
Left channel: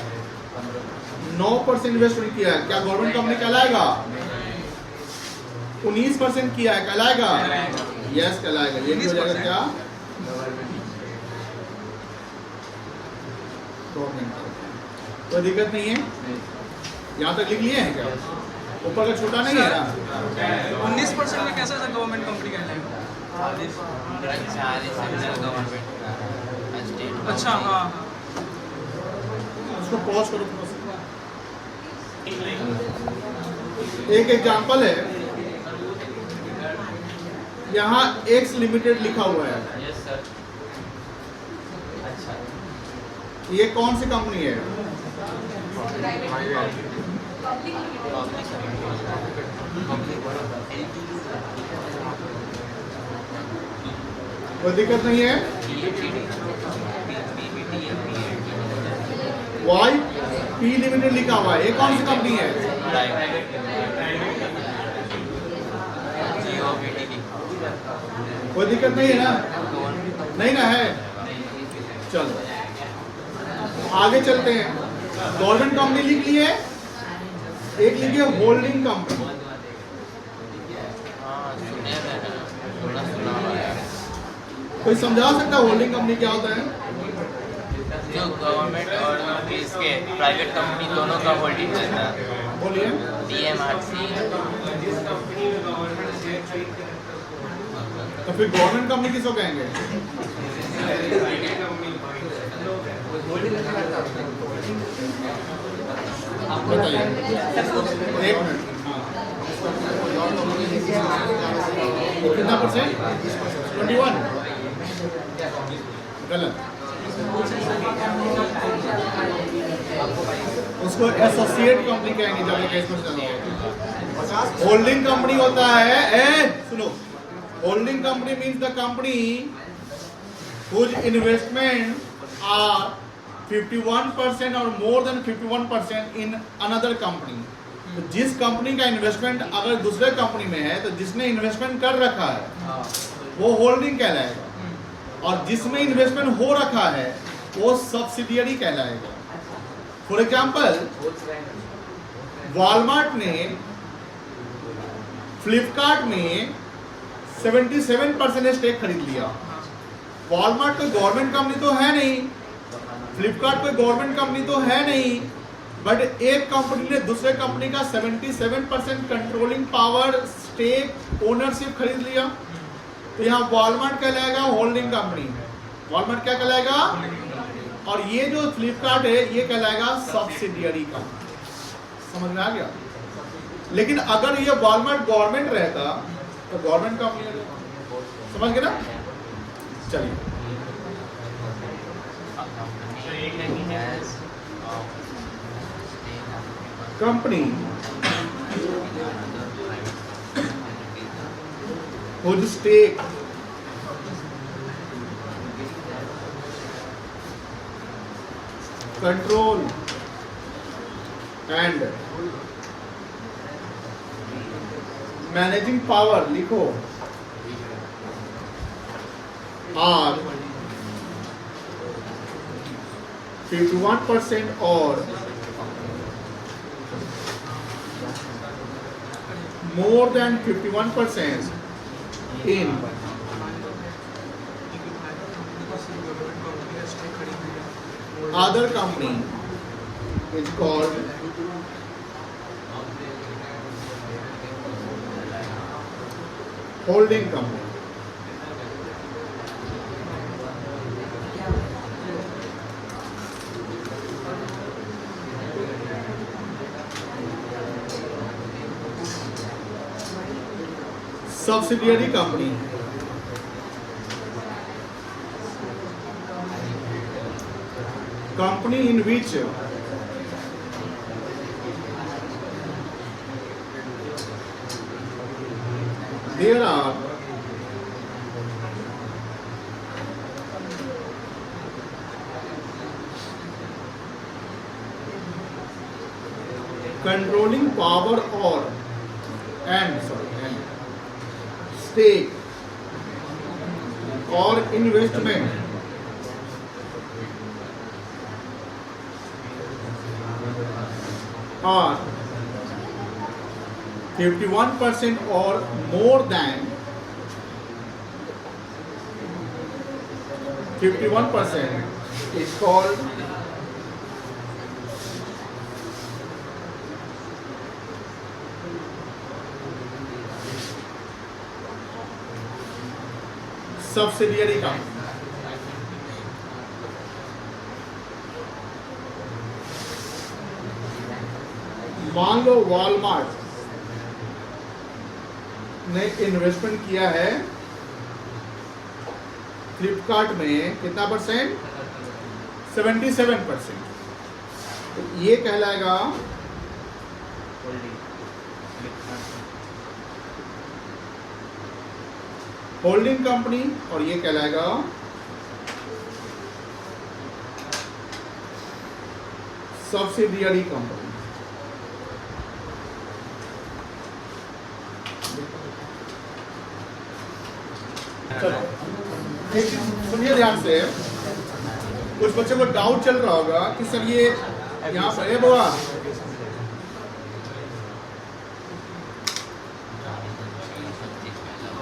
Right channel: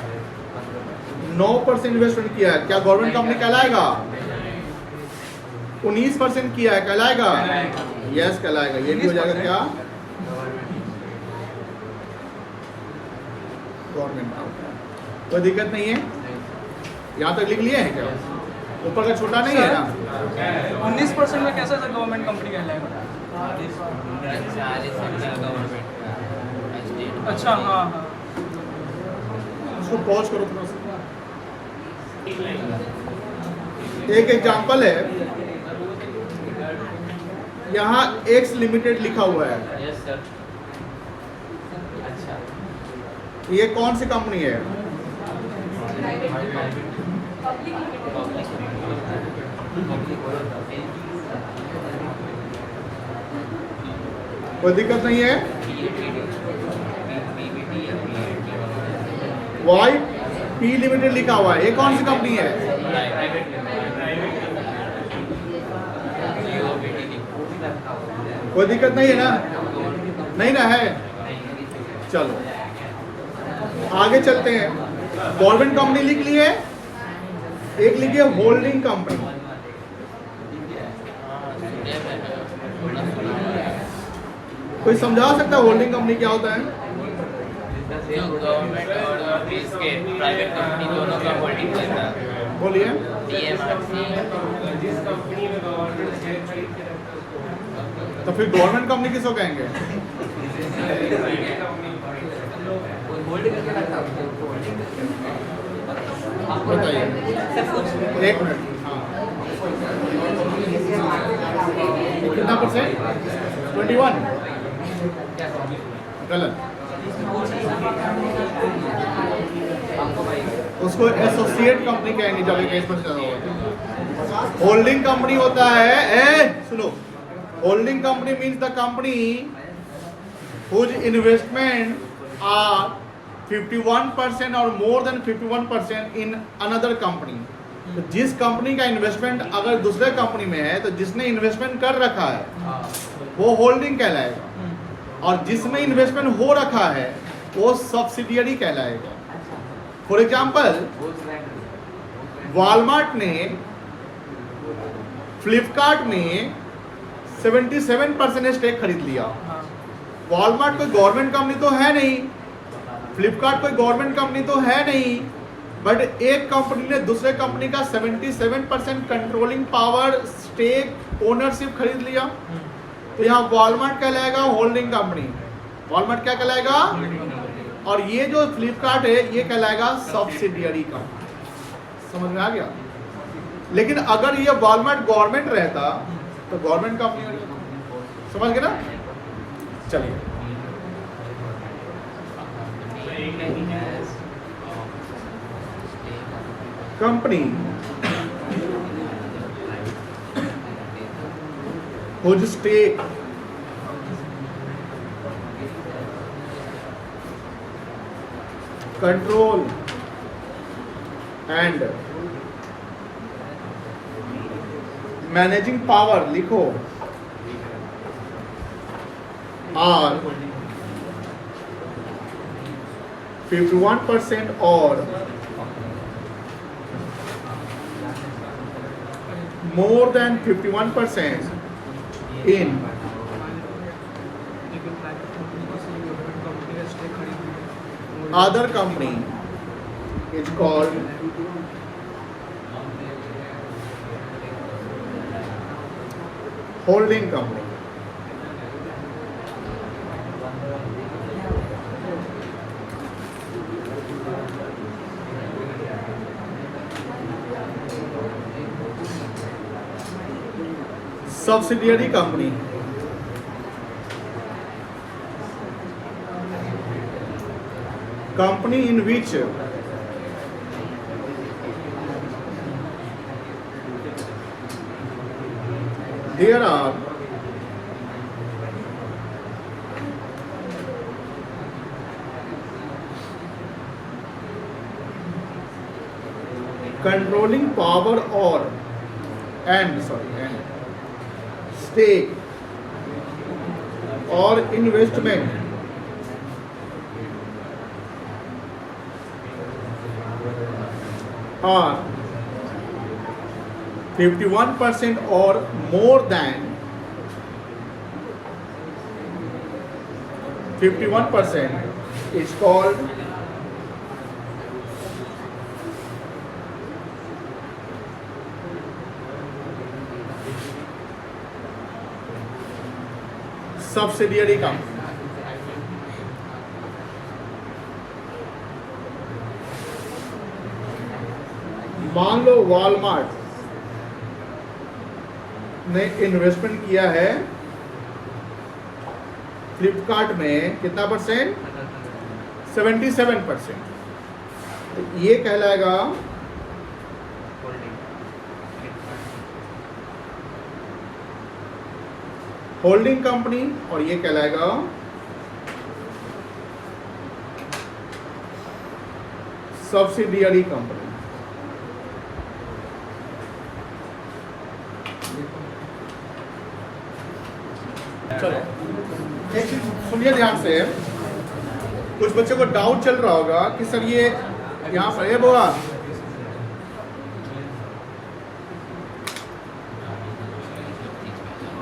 9% इन्वेस्टमेंट किया है, क्या गवर्नमेंट कंपनी कहलाएगा? 19% किया है, कहलाएगा? यस कहलाएगा। ये नहीं हो जाएगा क्या? Government company. कोई दिक्कत नहीं है, यहाँ तक लिख लिए हैं क्या? ऊपर का छोटा नहीं है ना? 19% में कैसे गवर्नमेंट कंपनी कहलाएगा? अच्छा हाँ हाँ। उसको पॉज करो थोड़ा सा। एक एग्जांपल है, यहाँ एक्स लिमिटेड लिखा हुआ है, ये कौन सी कंपनी है? कोई दिक्कत नहीं है। वाई पी लिमिटेड लिखा हुआ है, ये कौन सी कंपनी है? कोई दिक्कत नहीं है ना? नहीं ना है? चलो आगे चलते हैं। गवर्नमेंट कंपनी लिख ली है, एक लिखिए होल्डिंग कंपनी। कोई समझा सकता है होल्डिंग कंपनी क्या होता है? जो गवर्नमेंट और इसके प्राइवेट कंपनी दोनों का होल्डिंग रहता है। बोलिए। DMRC तो फिर गवर्नमेंट कंपनी किसको कहेंगे? बताइए, एक मिनट। हाँ, ये कितना %? 21। गलत। उसको एसोसिएट कंपनी कहेंगे जब 21% ज्यादा होगा। होल्डिंग कंपनी होता है, सुनो, holding company means the company whose investment are 51% और more than 51% in another company। तो जिस कंपनी का इन्वेस्टमेंट अगर दूसरे कंपनी में है, तो जिसने इन्वेस्टमेंट कर रखा है वो होल्डिंग कहलाएगा, और जिसमें इन्वेस्टमेंट हो रखा है वो सब्सिडियरी कहलाएगा। फॉर एग्जाम्पल, वॉलमार्ट ने फ्लिपकार्ट में 77% स्टेक खरीद लिया। वॉलमार्ट कोई गवर्नमेंट कंपनी तो है नहीं, फ्लिपकार्ट कोई गवर्नमेंट कंपनी तो है नहीं, बट एक कंपनी ने दूसरे कंपनी का 77% कंट्रोलिंग पावर, स्टेक, ओनरशिप खरीद लिया, तो यहाँ वॉलमार्ट कहलाएगा होल्डिंग कंपनी। वॉलमार्ट क्या कहलाएगा? और ये जो फ्लिपकार्ट है ये कहलाएगा सब्सिडियरी कंपनी। समझ में आ गया? लेकिन अगर ये वॉलमार्ट गवर्नमेंट रहता तो गवर्नमेंट कंपनी में रहता। समझ गए ना? चलिए, company whose stake control and managing power लिखो are 51% और more than 51% in other company is called holding company. Subsidiary company. Company in which there are controlling power or and stake or investment are 51% or more than 51% is called subsidiary company. मान लो वॉलमार्ट ने इन्वेस्टमेंट किया है फ्लिपकार्ट में कितना परसेंट? 77%. तो ये कहलाएगा होल्डिंग कंपनी और ये कहलाएगा सब्सिडियरी कंपनी. सुनिए ध्यान से, कुछ बच्चों को डाउट चल रहा होगा कि सर ये यहाँ पर है बुआ,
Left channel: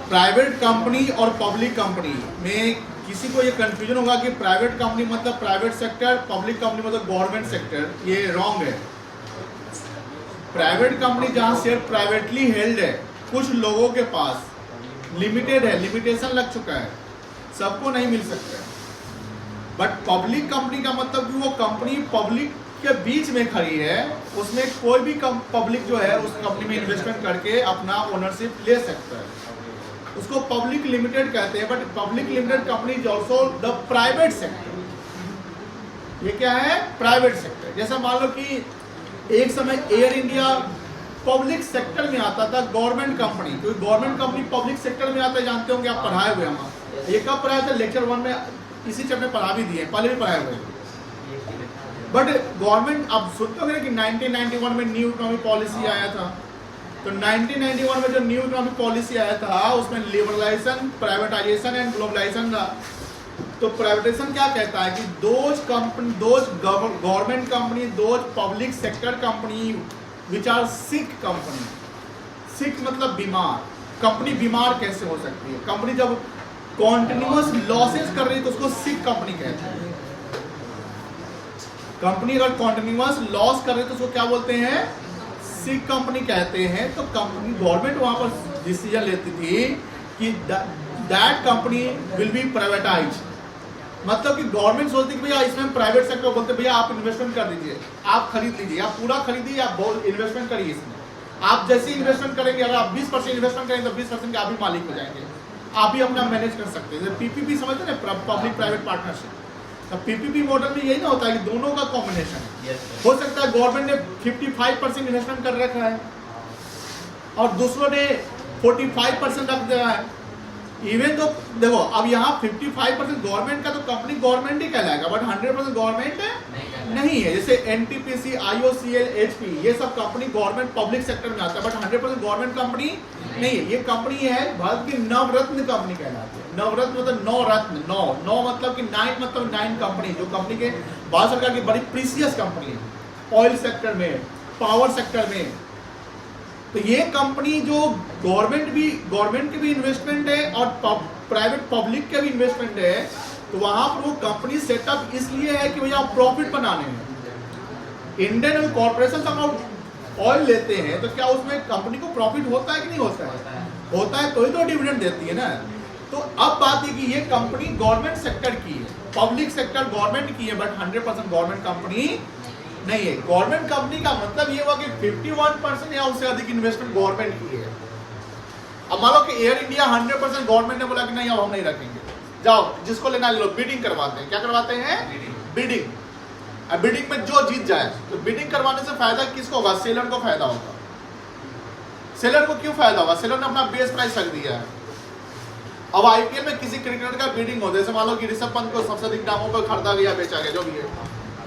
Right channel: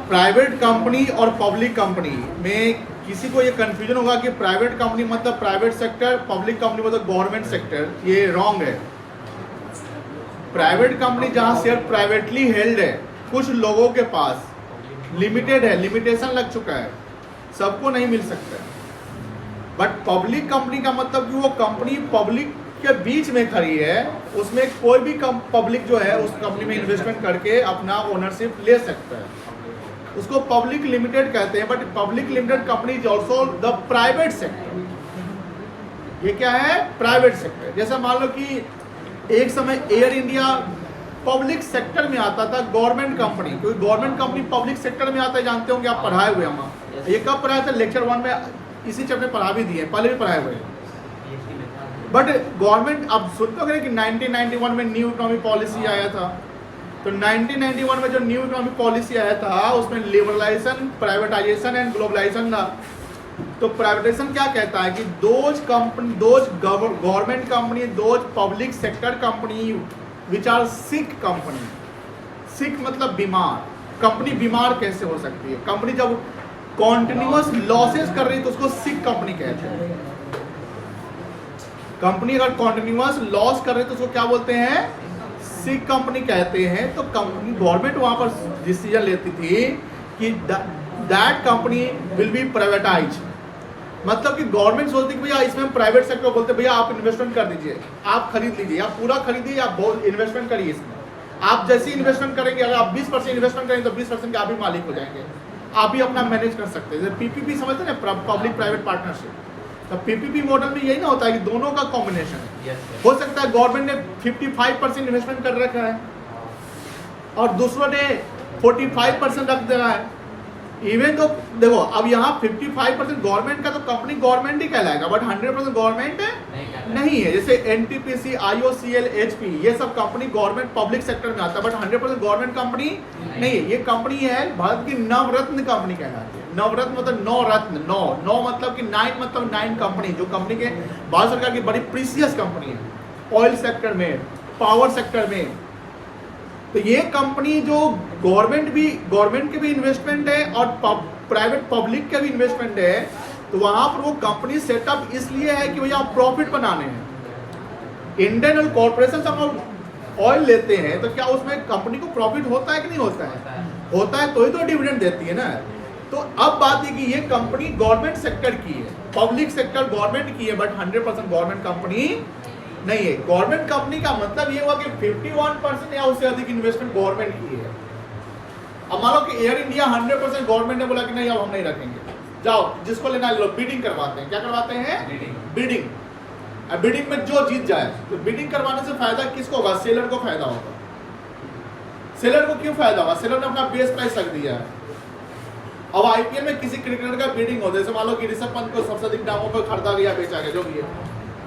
प्राइवेट कंपनी और पब्लिक कंपनी में किसी को ये कंफ्यूजन होगा कि प्राइवेट कंपनी मतलब प्राइवेट सेक्टर, पब्लिक कंपनी मतलब गवर्नमेंट सेक्टर. ये रॉन्ग है. प्राइवेट कंपनी जहां शेयर प्राइवेटली हेल्ड है, कुछ लोगों के पास लिमिटेड है, लिमिटेशन लग चुका है, सबको नहीं मिल सकता है. बट पब्लिक कंपनी का मतलब कि वो कंपनी पब्लिक के बीच में खड़ी है, उसमें कोई भी पब्लिक जो है उस कंपनी में इन्वेस्टमेंट करके अपना ओनरशिप ले सकता है, उसको पब्लिक लिमिटेड कहते हैं. But public limited company is also the private sector. ये क्या है? Private sector. जैसे मान लो कि एक समय एयर इंडिया पब्लिक सेक्टर में आता था, गवर्नमेंट कंपनी, क्योंकि गवर्नमेंट कंपनी पब्लिक सेक्टर में आता है, जानते होंगे आप, पढ़ाए हुए हम. ये कब पढ़ाया था? लेक्चर 1 में इसी चैप्टर पढ़ा भी दिए, पहले भी पढ़ाए हुए. बट गवर्नमेंट, आप सुनते होंगे कि 1991 में न्यू इकोनॉमिक पॉलिसी आया था. तो 1991 में जो न्यू इकोनॉमिक पॉलिसी आया था उसमें लिबरलाइजेशन, प्राइवेटाइजेशन एंड ग्लोबलाइजेशन था. तो प्राइवेटाइजेशन क्या कहता है कि those government company, those public sector company which are sick company. Sick मतलब बीमार. कंपनी बीमार कैसे हो सकती है? कंपनी जब कॉन्टिन्यूअस लॉसेस कर रही है तो उसको सिक कंपनी कहते हैं. कंपनी अगर कॉन्टिन्यूअस लॉस कर रही है तो उसको क्या बोलते हैं? सिक कंपनी कहते हैं. तो कंपनी, गवर्नमेंट वहां पर डिसीजन लेती थी कि that company will be privatise. मतलब कि गवर्नमेंट सोचती कि भैया इसमें प्राइवेट सेक्टर बोलते भैया आप इन्वेस्टमेंट कर दीजिए, आप खरीद लीजिए, आप पूरा खरीदिए, आप इन्वेस्टमेंट करिए इसमें. आप जैसे इन्वेस्टमेंट करेंगे, अगर आप 20% इन्वेस्टमेंट करेंगे तो 20% के आप ही मालिक हो जाएंगे, आप ही अपना मैनेज कर सकते हैं. पीपीपी समझते हैं ना, पब्लिक प्राइवेट पार्टनरशिप. तो पीपीपी मॉडल में यही ना होता है कि दोनों का कॉम्बिनेशन है. हो सकता है गवर्नमेंट ने 55% इन्वेस्टमेंट कर रखा है और दूसरों ने 45% रख दिया है. इवन तो देखो, अब यहाँ 55% गवर्नमेंट का, तो कंपनी गवर्नमेंट ही कहलाएगा, बट 100% गवर्नमेंट नहीं है. जैसे एनटीपीसी, आईओसीएल, एचपी, ये सब कंपनी गवर्नमेंट पब्लिक सेक्टर में आता है, बट 100% गवर्नमेंट कंपनी नहीं है. ये कंपनी है भारत की नवरत्न कंपनी कहलाती है. नवरत्न मतलब 9 रत्न, 9 मतलब कि 9 मतलब 9 कंपनी, जो कंपनी के भारत सरकार की बड़ी प्रीसियस कंपनी है. ऑयल सेक्टर में, पावर सेक्टर में, तो ये कंपनी जो गवर्नमेंट के भी इन्वेस्टमेंट है और प्राइवेट पब्लिक के भी इन्वेस्टमेंट है, तो वहां पर वो कंपनी सेटअप इसलिए है कि भैया प्रॉफिट बनाने हैं। इंडियन ऑयल कॉर्पोरेशन हम ऑयल लेते हैं तो क्या उसमें कंपनी को प्रॉफिट होता है कि नहीं होता है? होता है तो ही तो डिविडेंड देती है ना। तो अब बात है कि ये कंपनी गवर्नमेंट सेक्टर की है, पब्लिक सेक्टर गवर्नमेंट की है, बट 100% गवर्नमेंट कंपनी नहीं है। गवर्नमेंट कंपनी का मतलब ये हुआ कि 51% या उससे अधिक इन्वेस्टमेंट गवर्नमेंट की है। अब मान लो कि एयर इंडिया 100% गवर्नमेंट ने बोला कि नहीं अब हम नहीं रखेंगे, जाओ जिसको लेना लो, बिडिंग करवाते हैं। क्या करवाते हैं? बिडिंग। अब बिडिंग में जो जीत जाए, तो बिडिंग करवाने से फायदा किसको होगा? सेलर को फायदा होगा। सेलर को क्यों फायदा होगा? सेलर ने अपना बेस प्राइस रख दिया है। अब आईपीएल में किसी क्रिकेटर का बिडिंग हो, जैसे मान लो कि ऋषभ पंत को सबसे अधिक दामों पर खरीदा गया, बेचा गया, जो भी है,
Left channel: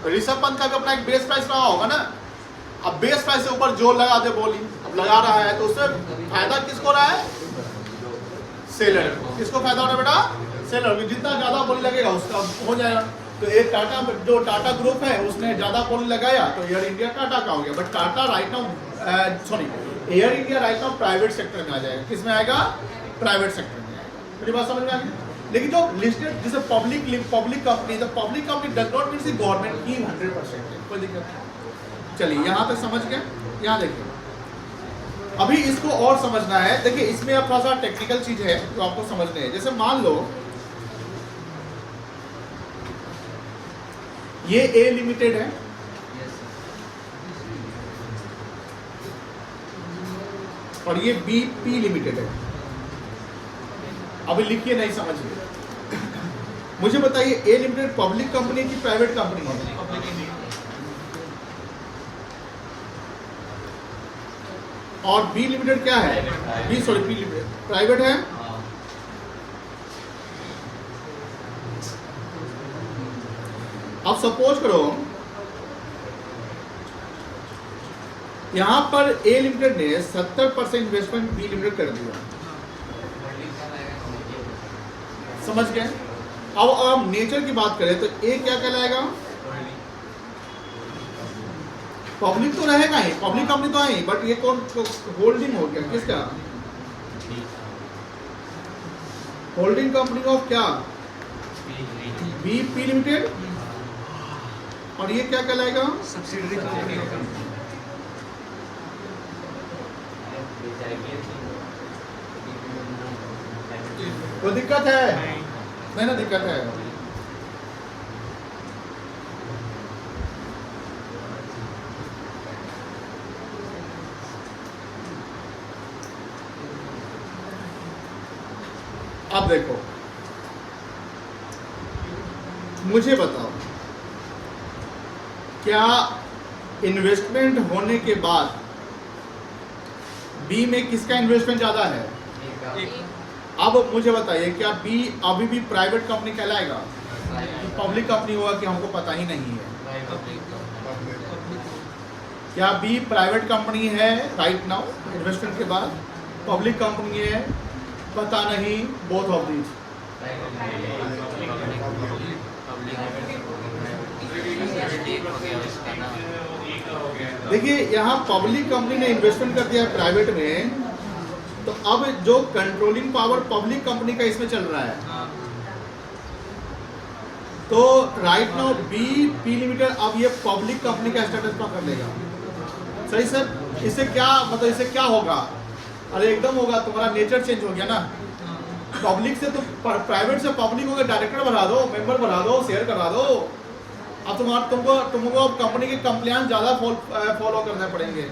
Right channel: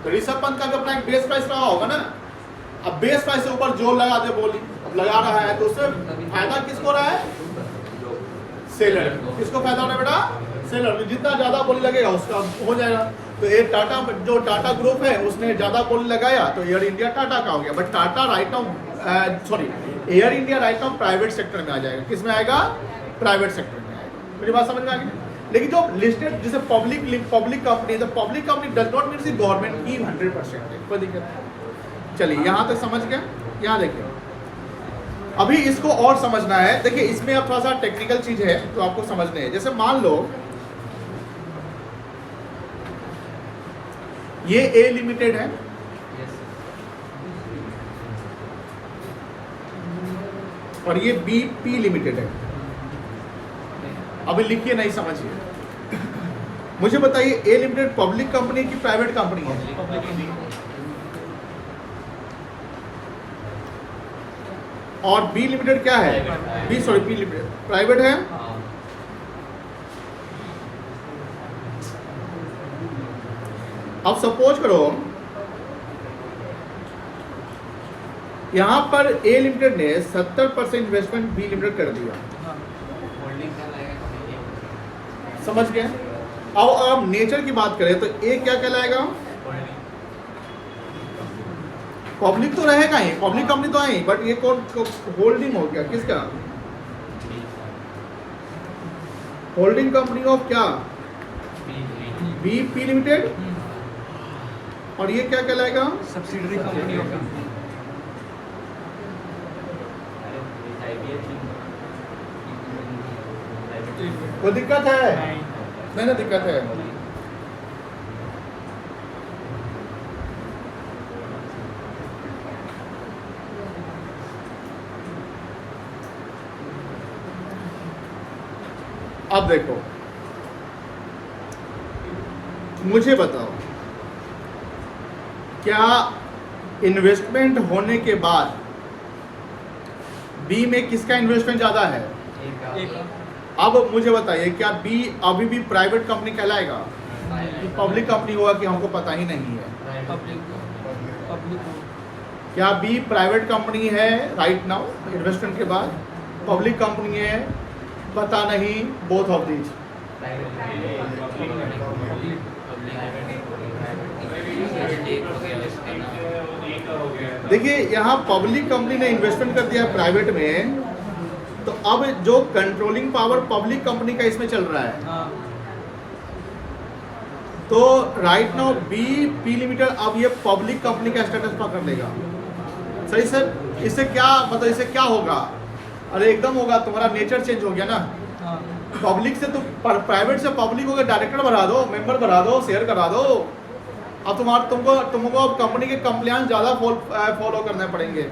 तो ऋषभ पंत का भी अपना एक बेस प्राइस रहा होगा ना। अब बेस प्राइस से ऊपर जो लगा दे बोली, अब लगा रहा है, तो उससे फायदा किसको रहा है? सेलर। किसको फायदा हो रहा है बेटा? सेलर। जितना ज्यादा बोली लगेगा उसका हो जाएगा। तो एक टाटा, जो टाटा ग्रुप है उसने ज्यादा बोली लगाया तो एयर इंडिया टाटा का हो गया। But Tata right now air India right now private sector में आ जाएगा। किस में आएगा? प्राइवेट सेक्टर में आएगा। मेरी बात समझ में आ गई? लेकिन जो लिस्टेड जैसे पब्लिक कंपनी, तो public company does not mean government की 100% है, कोई दिक्कत नहीं। चलिए यहां तक समझ गए। यहां देखिए, अभी इसको और समझना है। देखिए इसमें थोड़ा सा टेक्निकल चीज है तो आपको समझने है। जैसे मान लो ये ए लिमिटेड है, और ये बी पी लिमिटेड है। अभी लिखिए, नहीं समझिए। मुझे बताइए ए लिमिटेड पब्लिक कंपनी की प्राइवेट कंपनी है? और बी लिमिटेड क्या है? बी लिमिटेड प्राइवेट है। अब सपोज करो यहां पर ए लिमिटेड ने 70% इन्वेस्टमेंट बी लिमिटेड कर दिया, समझ गए? अब नेचर की बात करें तो ए क्या कहलाएगा? पब्लिक तो रहेगा ही, पब्लिक कंपनी तो है, बट ये कौन होल्डिंग हो गया? किसका? होल्डिंग कंपनी ऑफ क्या? B P limited. और ये क्या कहलाएगा? सब्सिडरी कंपनी होगी। कोई दिक्कत है? नहीं ना दिक्कत है। अब देखो, मुझे बताओ, क्या इन्वेस्टमेंट होने के बाद बी में किसका इन्वेस्टमेंट ज्यादा है? अब मुझे बताइए, क्या बी अभी भी प्राइवेट कंपनी कहलाएगा कि पब्लिक कंपनी होगा कि हमको पता ही नहीं है? क्या बी प्राइवेट कंपनी है राइट नाउ इन्वेस्टमेंट के बाद? पब्लिक कंपनी है? पता नहीं। Both of these. देखिए यहाँ पब्लिक कंपनी ने इन्वेस्टमेंट कर दिया है प्राइवेट में, तो अब जो कंट्रोलिंग पावर पब्लिक कंपनी का इसमें चल रहा है। तो right now B P limited अब ये पब्लिक कंपनी का स्टेटस पकड़ लेगा। सही सर? इससे क्या मतलब, इससे क्या होगा? अरे एकदम होगा, तुम्हारा नेचर चेंज हो गया ना। पब्लिक से तुम प्राइवेट से पब्लिक हो गया, डायरेक्टर बढ़ा दो, मेंबर बढ़ा दो, शेयर करा दो। अब तुमको अब कंपनी के कंप्लायंस ज्यादा फॉलो करने पड़ेंगे,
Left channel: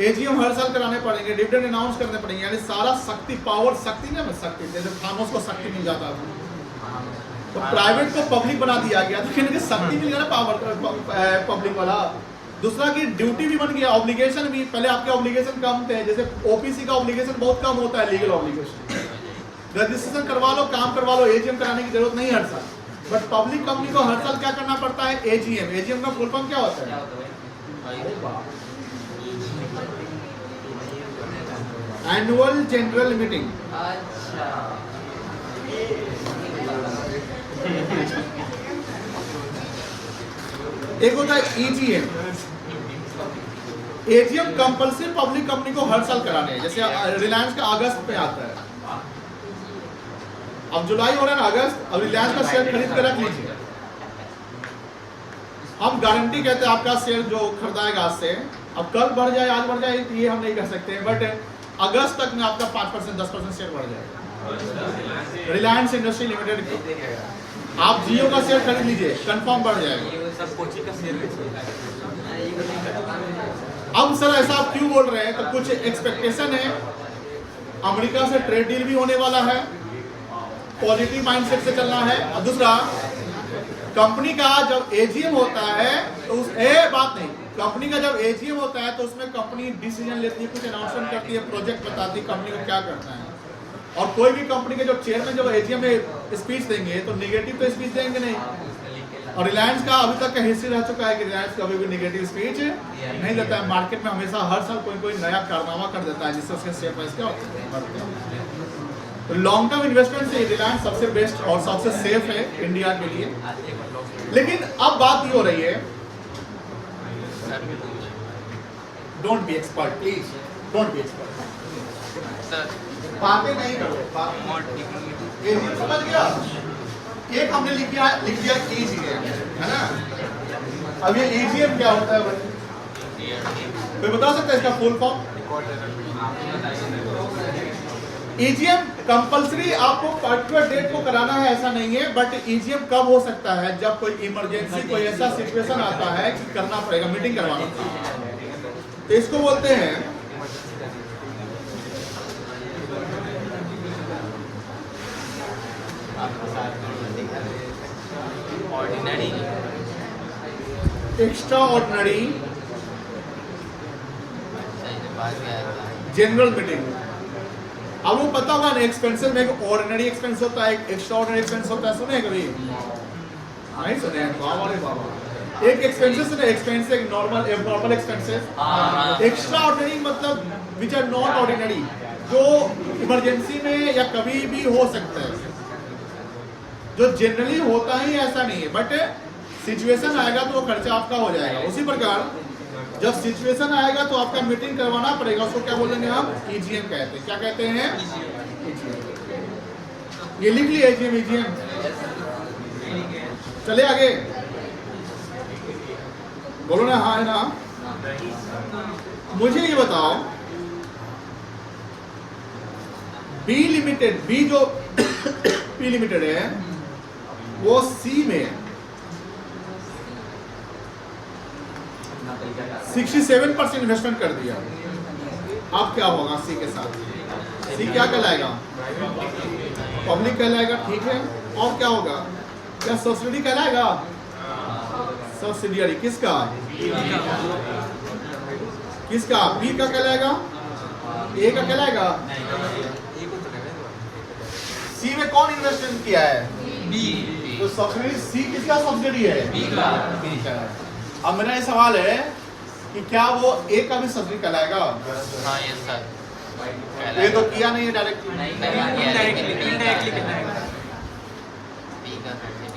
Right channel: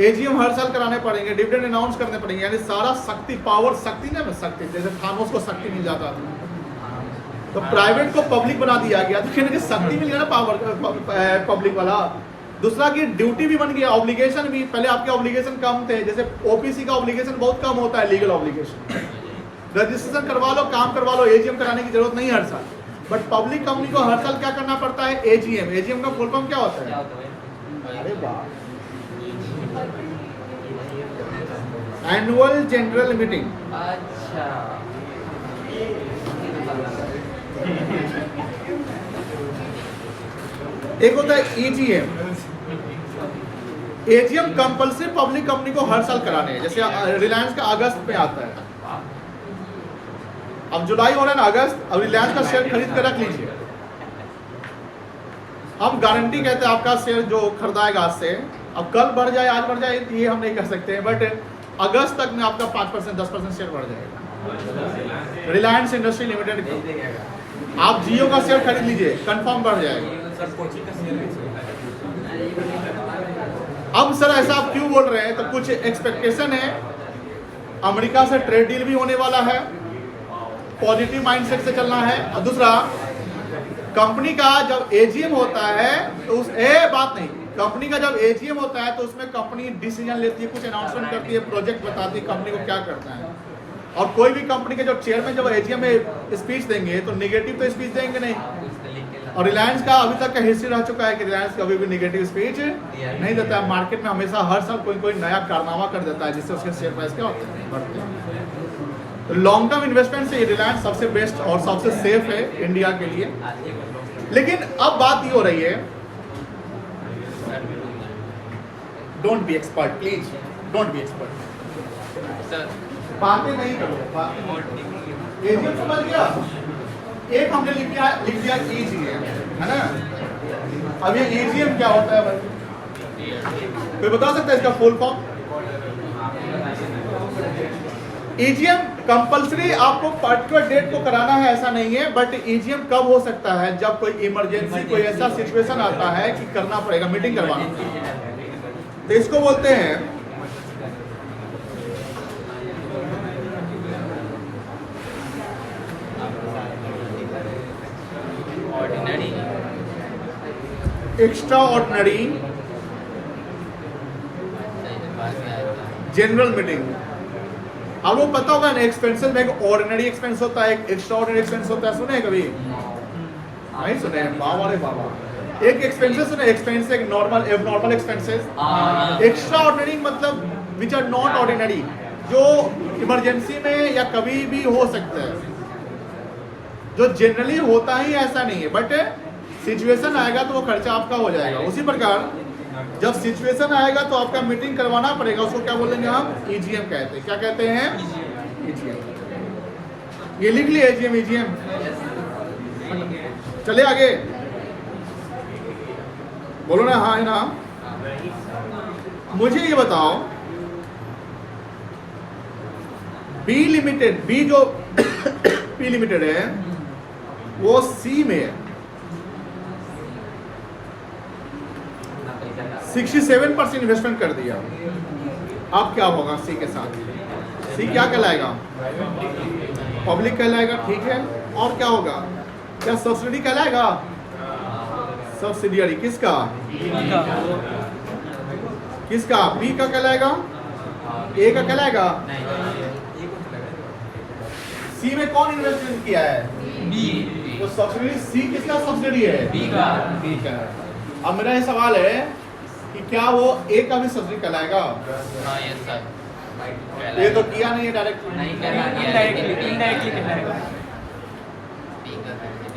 एजीएम हर साल कराने पड़ेंगे, डिविडेंड अनाउंस करने पड़ेंगे, यानी सारा शक्ति पावर, शक्ति ना शक्ति, जैसे थानोस को शक्ति मिल जाता था, तो प्राइवेट को पब्लिक बना दिया गया, तो कहने शक्ति मिल गया ना पावर पब्लिक वाला। दूसरा की ड्यूटी भी बन गया, ऑब्लिगेशन भी। पहले आपके ऑब्लिगेशन कम थे, जैसे ओपीसी का ऑब्लिगेशन बहुत कम होता है, लीगल ऑब्लिगेशन, रजिस्ट्रेशन करवा लो, काम करवा लो, एजीएम कराने की जरूरत नहीं हर साल। बट पब्लिक कंपनी को हर साल क्या करना पड़ता है? एजीएम। एजीएम का फुल फॉर्म क्या होता है? अरे वाह, एनुअल जनरल मीटिंग। एक होता है EGM, AGM compulsory public company को हर साल कराने हैं, जैसे रिलायंस का अगस्त में आता है, अब जुलाई हो रहा है ना, अगस्त, अब रिलायंस का शेयर खरीद कर रख लीजिए। हम गारंटी कहते हैं आपका शेयर जो खरीदाएगा आज से, अब कल बढ़ जाए आज बढ़ जाए ये हम नहीं कह सकते हैं, बट अगस्त तक में आपका 5% 10% शेयर बढ़ जाएगा। रिलायंस इंडस्ट्री लिमिटेड का आप जियो का शेयर खरीद लीजिए, कंफर्म बढ़ जाएगा। अब सर ऐसा आप क्यों बोल रहे हैं, तो कुछ एक्सपेक्टेशन है, अमेरिका से ट्रेड डील भी होने वाला है, पॉजिटिव माइंडसेट से चलना है। और दूसरा, कंपनी का जब एजीएम होता है तो उस बात नहीं, कंपनी का जब एजीएम होता है तो उसमें कंपनी डिसीजन लेती है, कुछ अनाउंसमेंट करती है, प्रोजेक्ट बताती है कंपनी को क्या करना है। और कोई भी कंपनी के जो चेयरमैन जब एजीएम में स्पीच देंगे तो निगेटिव तो स्पीच देंगे नहीं। और रिलायंस का अभी तक का हिस्ट्री रह चुका है कि रिलायंस कभी भी निगेटिव स्पीच नहीं देता है। मार्केट में हमेशा हर साल कोई नया कारनामा कर देता है जिससे उसके शेयर प्राइस क्या होते हैं, बढ़ते हैं। तो लॉन्ग टर्म इन्वेस्टमेंट से रिलायंस सबसे बेस्ट और सबसे सेफ है इंडिया के लिए। लेकिन अब बात ये हो रही है, don't be expert please, don't be expert, बातें नहीं करो। एजीएम समझ गया, एक हमने लिख दिया एजीएम, है ना। अब ये एजीएम क्या होता है भाई, कोई बता सकता है इसका फुल फॉर्म? एजीएम कंपलसरी आपको पर्टिकुलर डेट को कराना है ऐसा नहीं है, बट एजीएम कब हो सकता है, जब कोई इमरजेंसी, कोई ऐसा सिचुएशन आता है कि करना पड़ेगा, मीटिंग करवाना, तो इसको बोलते हैं एक्स्ट्रा ऑर्डिनरी जनरल मीटिंग। आप लोग पता होगा ना, एक्सपेंसेस में एक ऑर्डिनरी एक्सपेंस होता है, एक एक्स्ट्रा ऑर्डिनरी एक्सपेंस होता है, सुने कभी? नहीं सुने? बाबा रे बाबा, एक एक्सपेंसेस सुने, एक्सपेंस एक normal abnormal expenses, extra ordinary मतलब विच आर नॉट ऑर्डिनरी, जो इमरजेंसी में या कभी भी हो सकता है, जो जनरली होता ही ऐसा नहीं है, बट सिचुएशन आएगा तो वो खर्चा आपका हो जाएगा। उसी प्रकार जब सिचुएशन आएगा तो आपका मीटिंग करवाना पड़ेगा, उसको क्या बोलेंगे हम? ईजीएम कहते हैं। क्या कहते हैं? ईजीएम। ये लिख लिया एजीएम, ईजीएम। चले आगे, बोलो ना हाँ है ना। मुझे ये बताओ, बी लिमिटेड, बी जो पी लिमिटेड है वो सी में 67% इन्वेस्टमेंट कर दिया। अब क्या होगा सी के साथ? सी क्या कहलाएगा? पब्लिक कहलाएगा, ठीक है। और क्या होगा? क्या सब्सिडी कहलाएगा? सब्सिडियरी किसका? किसका? बी का कहलाएगा, ए का कहलाएगा। सी में कौन इन्वेस्टमेंट किया है? बी। तो सब्सिडी सी किसका सब्सिडी है? बी का। बी का है। अब मेरा ये सवाल है कि क्या वो ए का भी सब्सिडी कहलाएगा? हाँ यस सर। ये तो किया नहीं है डायरेक्टली, इनडायरेक्टली कहलाएगा।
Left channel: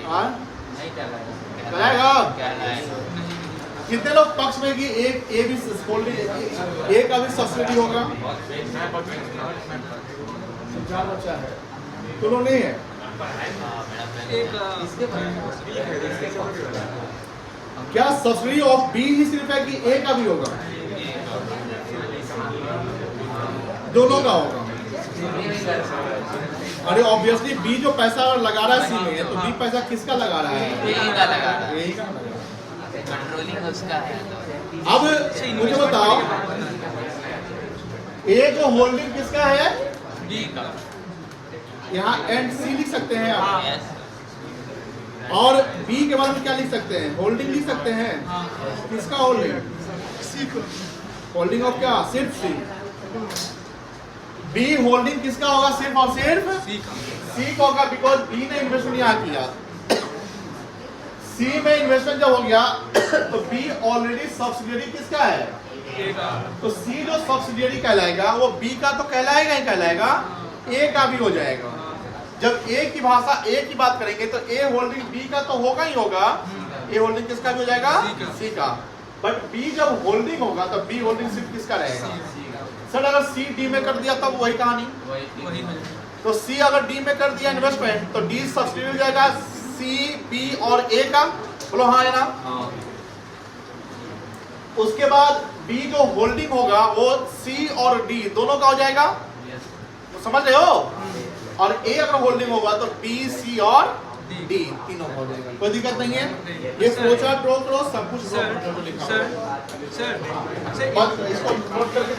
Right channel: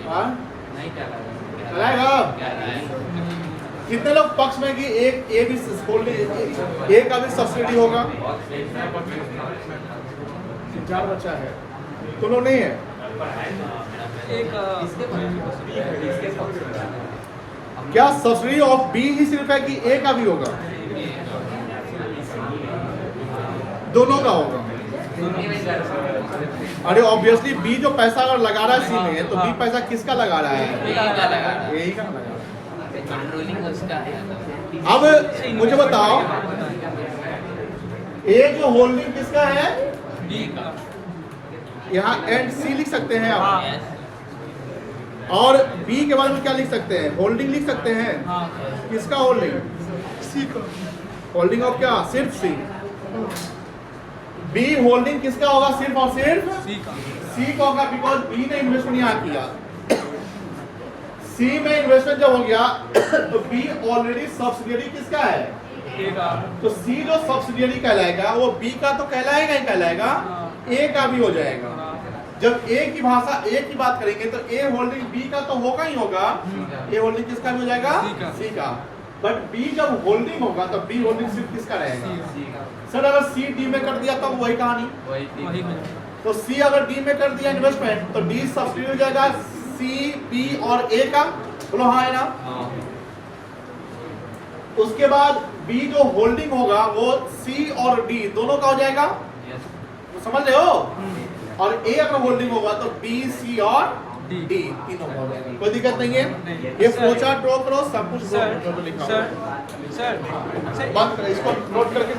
हाँ कहलाएगा। कितने लोग पक्ष में कि एक ए भी ए का भी सब्सिडी होगा? 4 बच्चा है, तो लोग नहीं है। क्या सब्सिडी ऑफ बी ही सिर्फ है कि ए का भी होगा? दोनों का होगा। अरे ऑब्वियसली बी जो पैसा अगर लगा रहा है सी में, तो बी पैसा किसका लगा रहा है? ए का लगा रहा है। अब मुझे बताओ, ए जो होल्डिंग किसका है? बी का। यहाँ एंड सी लिख सकते हैं आप, और बी के बारे में क्या लिख सकते हैं? होल्डिंग लिख सकते हैं। किसका होल्डिंग? सी का। होल्डिंग ऑफ क्या? सिर्फ सी। बी होल्डिंग किसका होगा? सिर्फ और सिर्फ सी का। सी का होगा, बिकॉज बी ने इन्वेस्टमेंट यहाँ किया। सी में इन्वेस्टमेंट जब हो गया तो बी ऑलरेडी सब्सिडियरी किसका है? ए का। तो सी जो सब्सिडियरी कहलाएगा वो बी का तो कहलाएगा ही कहलाएगा, ए का भी हो जाएगा। जब ए की भाषा ए की बात करेंगे तो ए होल्डिंग बी का तो होगा ही होगा, ए होल्डिंग किसका भी हो जाएगा? सी का। सी का। बट बी जब होल्डिंग होगा तब बी होल्डिंग सिर्फ किसका रहेगा? सर अगर सी डी में कर दिया तब वही कहानी। वही हो जाएगा। तो सी अगर डी में कर दिया इन्वेस्टमेंट तो डी सब्सिडी हो जाएगा सी बी और ए का। बोलो हाँ है ना? उसके बाद बी जो होल्डिंग होगा वो सी और डी दोनों का हो जाएगा, तो समझ रहे हो? और ए अगर होल्डिंग होगा तो बी सी और डी तीनों का हो जाएगा। कोई दिक्कत नहीं है। ये फ्लोचार्ट ड्रॉ करो, सब कुछ ड्रॉ करो जो लिखा सर हुआ है। सर सर बस इसको नोट करके